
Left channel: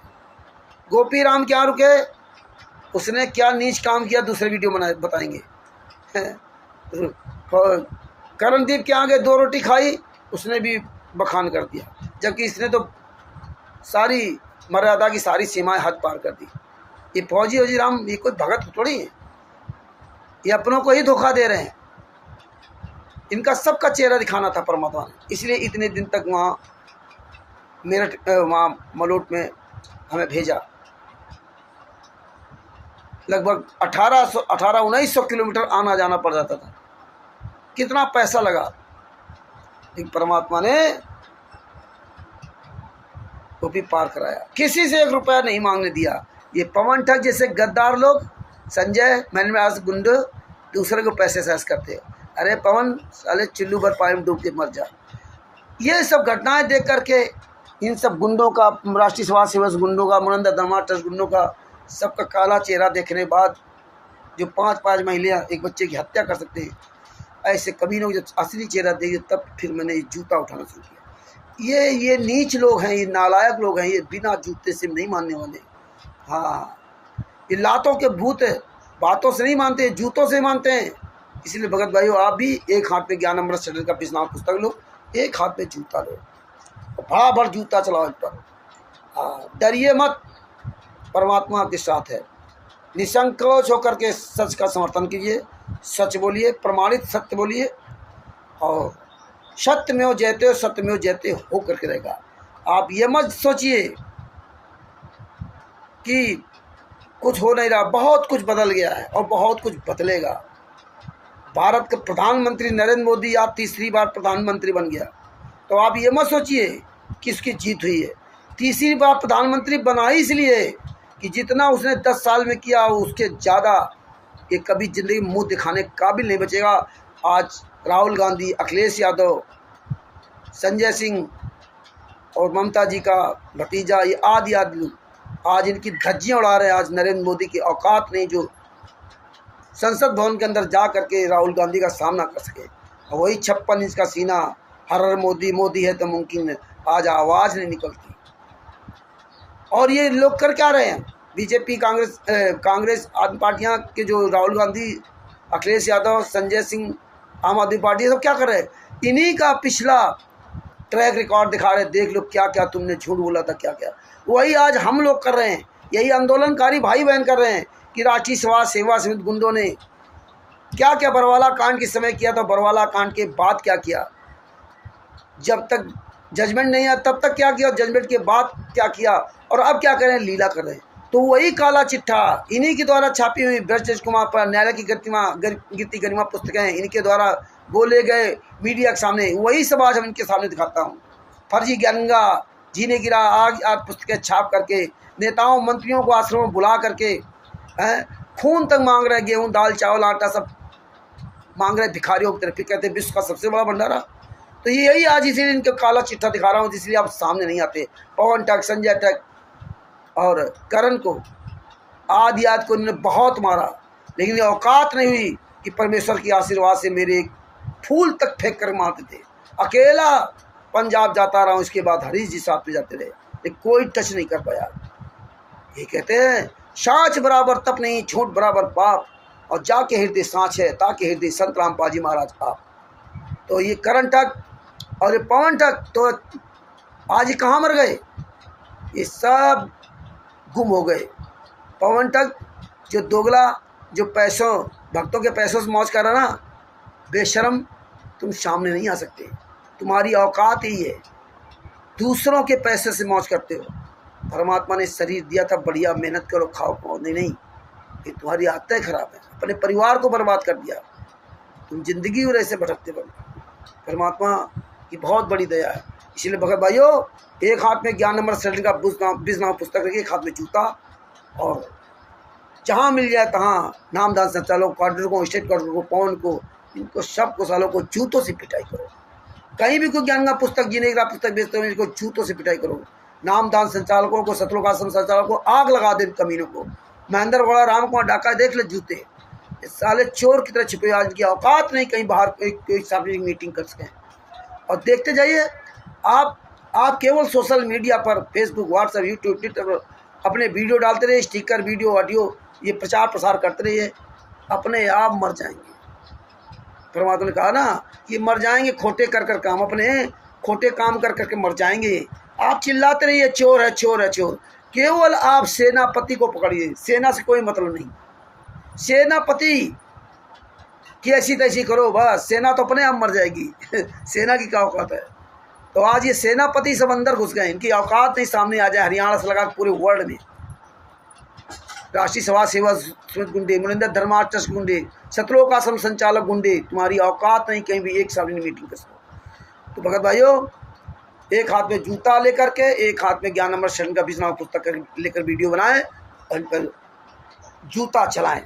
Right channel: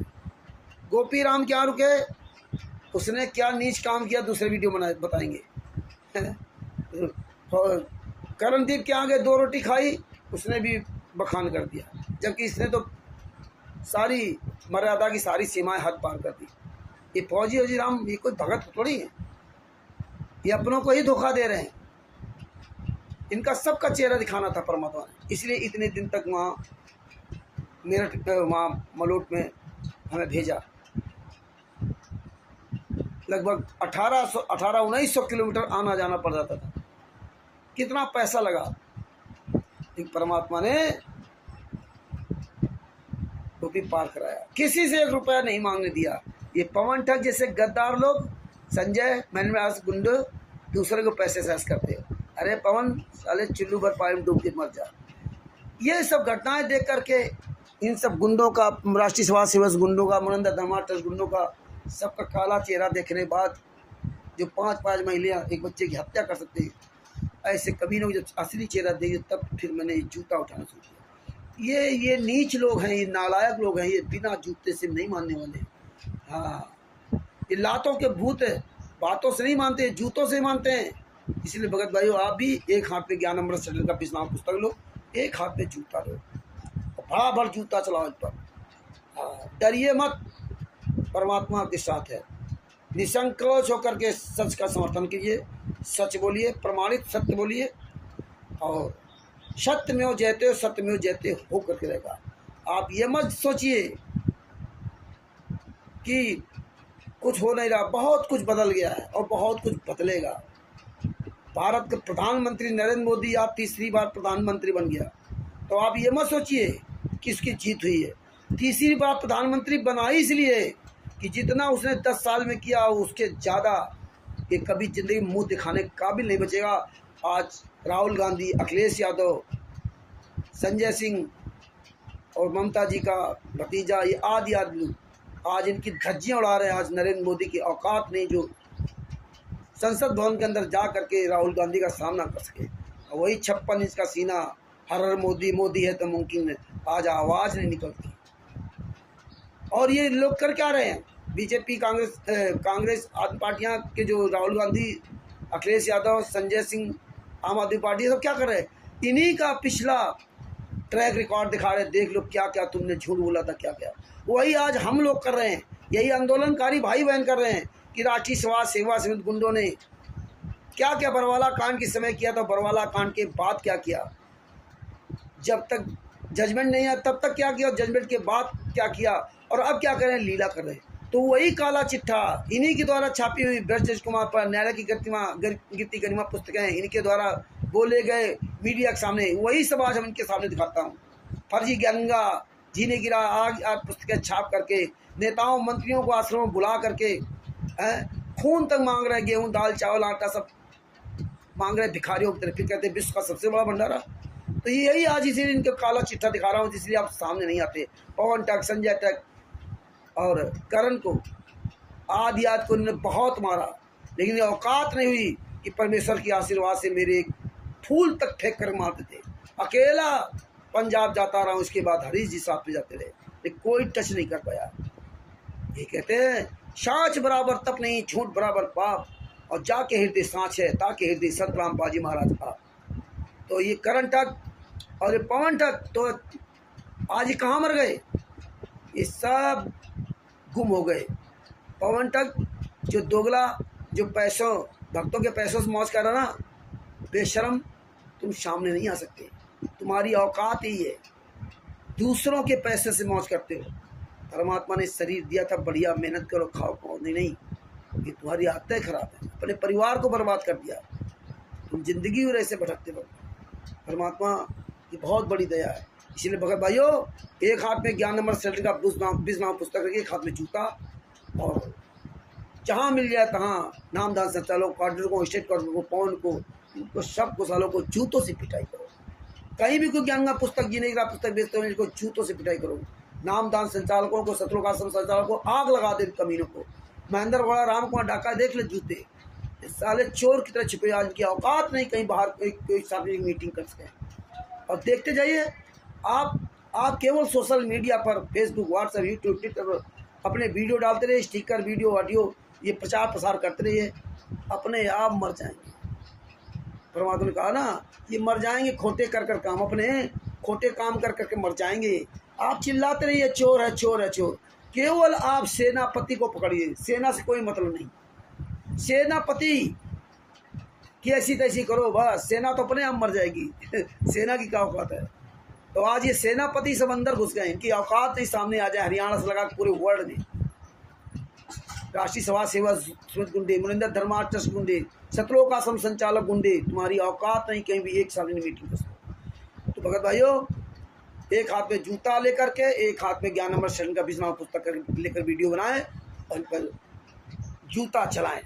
गोपी राम क्या रुके, उसने क्या नीच काम किया, दूसरे वीडियो बताएंगे। करणदीप के आगे 2 रोटी खाई, उसने भी बखान कर दिया, जबकि इसने तो सारी मर्यादा की सारी सीमाएं हद पार कर दी। ये फौजी राम, ये कोई भगत थोड़ी है, ये अपनों को ही धोखा दे रहे हैं। इनका सबका चेहरा दिखाना था परमात्मा ने, इसलिए इतने दिन तक वहाँ मेरठ, वहाँ मलोट में हमें भेजा। लगभग 1800-1900 किलोमीटर आना जाना पड़ जाता था। कितना पैसा लगा, लेकिन परमात्मा ने वो भी पार कराया। किसी से 1 रुपया नहीं मांगने दिया। ये पवन ठग जैसे गद्दार लोग, संजय मैंने आज गुंड, दूसरे को पैसे सहस करते हो। अरे पवन, साले चिल्लू भर पानी में डूब के मर जा। ये सब घटनाएं देख करके इन सब गुंडों का, राष्ट्रीय समाज सेवक गुंडों का, मुनंदर धर्मार्थ ट्रस्ट गुंडों का, सबका काला चेहरा देखने बाद, जो 5-5 महिलाएं एक बच्चे की हत्या कर सकते हैं, ऐसे कभी लोग जब असली चेहरा देखे, तब फिर मैंने ये जूता उठाना शुरू किया। ये नीच लोग हैं, ये नालायक लोग हैं, ये बिना जूते से नहीं मानने वाले। हाँ, ये लातों के भूत है, बातों से नहीं मानते, जूतों से मानते हैं। इसलिए भगत भाइयों, आप भी एक हाथ पे ज्ञान अमृत चैनल का पिछला पुस्तक लो, एक हाथ पे जूता लो, बड़ा जूता चलाओ इन पर। डरिए मत, परमात्मा आपके साथ है। निसंकोच होकर के सच का समर्थन कीजिए, सच बोलिए, प्रमाणित सत्य बोलिए, और सत्यमेव जयते, सत्यमेव जयते हो करके रहेगा। आप ये मत सोचिए कि कुछ हो नहीं रहा, बहुत कुछ बदल गया है और बहुत कुछ बदलेगा। भारत के प्रधानमंत्री नरेंद्र मोदी आप तीसरी बार प्रधानमंत्री बन गया, तो आप ये मत सोचिए कि इसकी जीत हुई है। तीसरी बार प्रधानमंत्री बना ही इसलिए कि जितना उसने 10 साल में किया उसके ज़्यादा ये कभी ज़िंदगी में मुँह दिखाने काबिल नहीं बचेगा। आज राहुल गांधी, अखिलेश यादव, संजय सिंह और ममता जी का भतीजा, ये आदि लोग आज इनकी धज्जियाँ उड़ा रहे हैं। आज नरेंद्र मोदी की औकात नहीं जो संसद भवन के अंदर जा करके राहुल गांधी का सामना कर सके। और वही 56 इंच का सीना, हर हर मोदी, मोदी है तो मुमकिन है, आज आवाज़ नहीं निकलती। और ये लोग कर क्या रहे हैं? बीजेपी, कांग्रेस आदि पार्टियां के जो राहुल गांधी, अखिलेश यादव, संजय सिंह, आम आदमी पार्टी, सब क्या कर रहे हैं? इन्हीं का पिछला ट्रैक रिकॉर्ड दिखा रहे, देख लो क्या क्या तुमने झूठ बोला था, क्या क्या। वही आज हम लोग कर रहे हैं, यही आंदोलनकारी भाई बहन कर रहे हैं कि राष्ट्रीय समाज सेवा समिति गुंडों ने क्या क्या बरवाला कांड के समय किया था, बरवाला कांड के बाद क्या किया, जब तक जजमेंट नहीं आया तब तक क्या किया, जजमेंट के बाद क्या किया, और अब क्या कर रहे हैं, लीला कर रहे हैं। तो वही काला चिट्ठा इन्हीं के द्वारा छापी हुई ब्रजेश कुमार पर न्यायालय की गिरती गरिमा पुस्तकें, इनके द्वारा बोले गए मीडिया के सामने, वही सब आज हम इनके सामने दिखाता हूँ। फर्जी गंगा जीने गिरा आज पुस्तकें छाप करके नेताओं मंत्रियों को आश्रम में बुला करके खून तक मांग रहे, गेहूँ दाल चावल आटा सब मांग रहे भिखारियों की तरफ। फिर कहते हैं विश्व का सबसे बड़ा भंडारा। तो यही आज इसीलिए इनका काला चिट्ठा दिखा रहा हूँ, इसलिए आप सामने नहीं आते। पवन टक, संजय टक और करण को, आदि को इन्होंने बहुत मारा, लेकिन ये औकात नहीं हुई कि परमेश्वर की आशीर्वाद से मेरे फूल तक फेंक कर मारते थे। अकेला पंजाब जाता रहा हूँ, इसके बाद हरीश जी साथ में जाते रहे, लेकिन कोई टच नहीं कर पाया। ये कहते हैं साँच बराबर तप नहीं, झूठ बराबर पाप, और जाके हृदय साँच है ताकि हृदय संत रामपाल जी महाराज आप। तो ये करण टक और ये पवन टक तो आज ही कहाँ मर गए? ये सब गुम हो गए। पवन टक जो दोगला, जो पैसों भक्तों के पैसों से मौज कर रहा ना, बेशरम, तुम सामने नहीं आ सकते। तुम्हारी औकात ही है, दूसरों के पैसे से मौज करते हो। परमात्मा ने शरीर दिया था, बढ़िया मेहनत करो, खाओ पाओ। नहीं, ये तुम्हारी आदतें खराब है, अपने परिवार को बर्बाद कर दिया, तुम जिंदगी और ऐसे भटकते बनो। परमात्मा की बहुत बड़ी दया है। इसलिए भगत भाइयों, एक हाथ में ज्ञान अमृत शरीर का बिजनाम पुस्तक रखिए, एक हाथ में जूता, और जहाँ मिल जाए तहाँ नामदान संचालकों, क्वार्टर को, स्टेट क्वार्टर को, पवन को, इनको सबको सालों को जूतों से पिटाई करो। कहीं भी कोई ज्ञान का पुस्तक, जीने का पुस्तक बेचते हो, इनको जूतों से पिटाई करो। नामदान संचालकों को, सतलोक आश्रम संचालकों को आग लगा दे, कमीनों को। महेंद्र बड़ा राम कुमार डाका देख ले, जूते साले चोर की तरह छिपे, आज की औकात नहीं कहीं बाहर कोई सार्वजनिक मीटिंग कर सकें। और देखते जाइए आप केवल सोशल मीडिया पर फेसबुक, व्हाट्सएप, यूट्यूब, ट्विटर पर अपने वीडियो डालते रहिए, स्टिकर, वीडियो, ऑडियो, ये प्रचार प्रसार करते रहिए, अपने आप मर जाएंगे। परमात्मा ने कहा ना कि मर जाएंगे खोटे कर कर काम, अपने खोटे काम कर करके मर जाएंगे। आप चिल्लाते रहिए चोर है, चोर है, चोर। केवल आप सेनापति को पकड़िए, सेना से कोई मतलब नहीं। सेनापति की ऐसी तैसी करो बस, सेना तो अपने आप मर जाएगी। सेना की क्या औकात है? तो आज ये सेनापति सब अंदर घुस गए, इनकी औकात नहीं सामने आ जाए। हरियाणा से लगा पूरे वर्ल्ड में राष्ट्रीय समाज सेवा समिति गुंडे, मुनिंदर धर्मार्थ ट्रस्ट गुंडे, सतलोक आश्रम संचालक गुंडे, तुम्हारी औकात नहीं कहीं भी एक सार्वजनिक मीटिंग कर सको। तो भगत भाइयों, एक हाथ में जूता लेकर के, एक हाथ में ज्ञान अमृत शरण का बिजनाम पुस्तक लेकर वीडियो बनाएं और इन पर जूता चलाएं।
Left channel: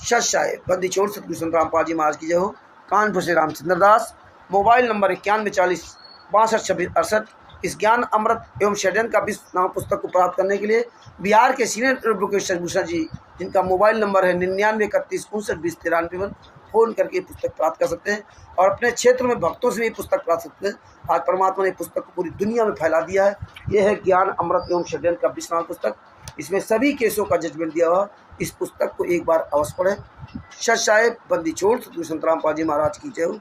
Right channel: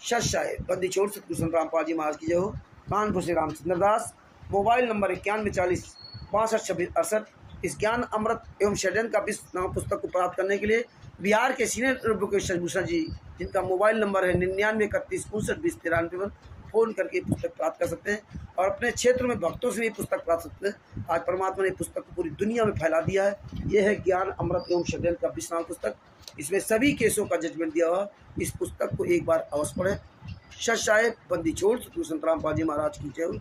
सच बंदी छोड़ सतगुरु संत रामपाल जी महाराज की जय हो। कानपुर से रामचंद्र दास। Mobile number 9140 62 26 68। इस ज्ञान अमृत एवं षड्यंत्र का बिजनाम पुस्तक को प्राप्त करने के लिए बिहार के सीनियर एडवोकेट भूषण जी, जिनका मोबाइल नंबर है 99 31 59 20 93 पर फ़ोन करके पुस्तक प्राप्त कर सकते हैं, और अपने क्षेत्र में भक्तों से भी पुस्तक प्राप्त सकते हैं। आज परमात्मा ने पुस्तक को पूरी दुनिया में फैला दिया है। यह है ज्ञान अमृत एवं षड्यंत्र का बिजनाम पुस्तक। इसमें सभी केसों का जजमेंट दिया हुआ। इस पुस्तक को एक बार अवश्य पढ़ें। सच बंदी छोड़ सतगुरु संत रामपाल जी महाराज की जय हो।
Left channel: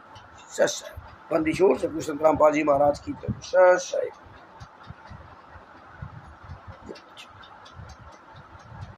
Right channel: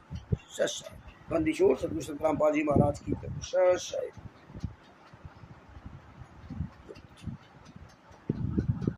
सच बंदी छोड़ सतगुरु संत रामपाल जी महाराज की जय हो। सच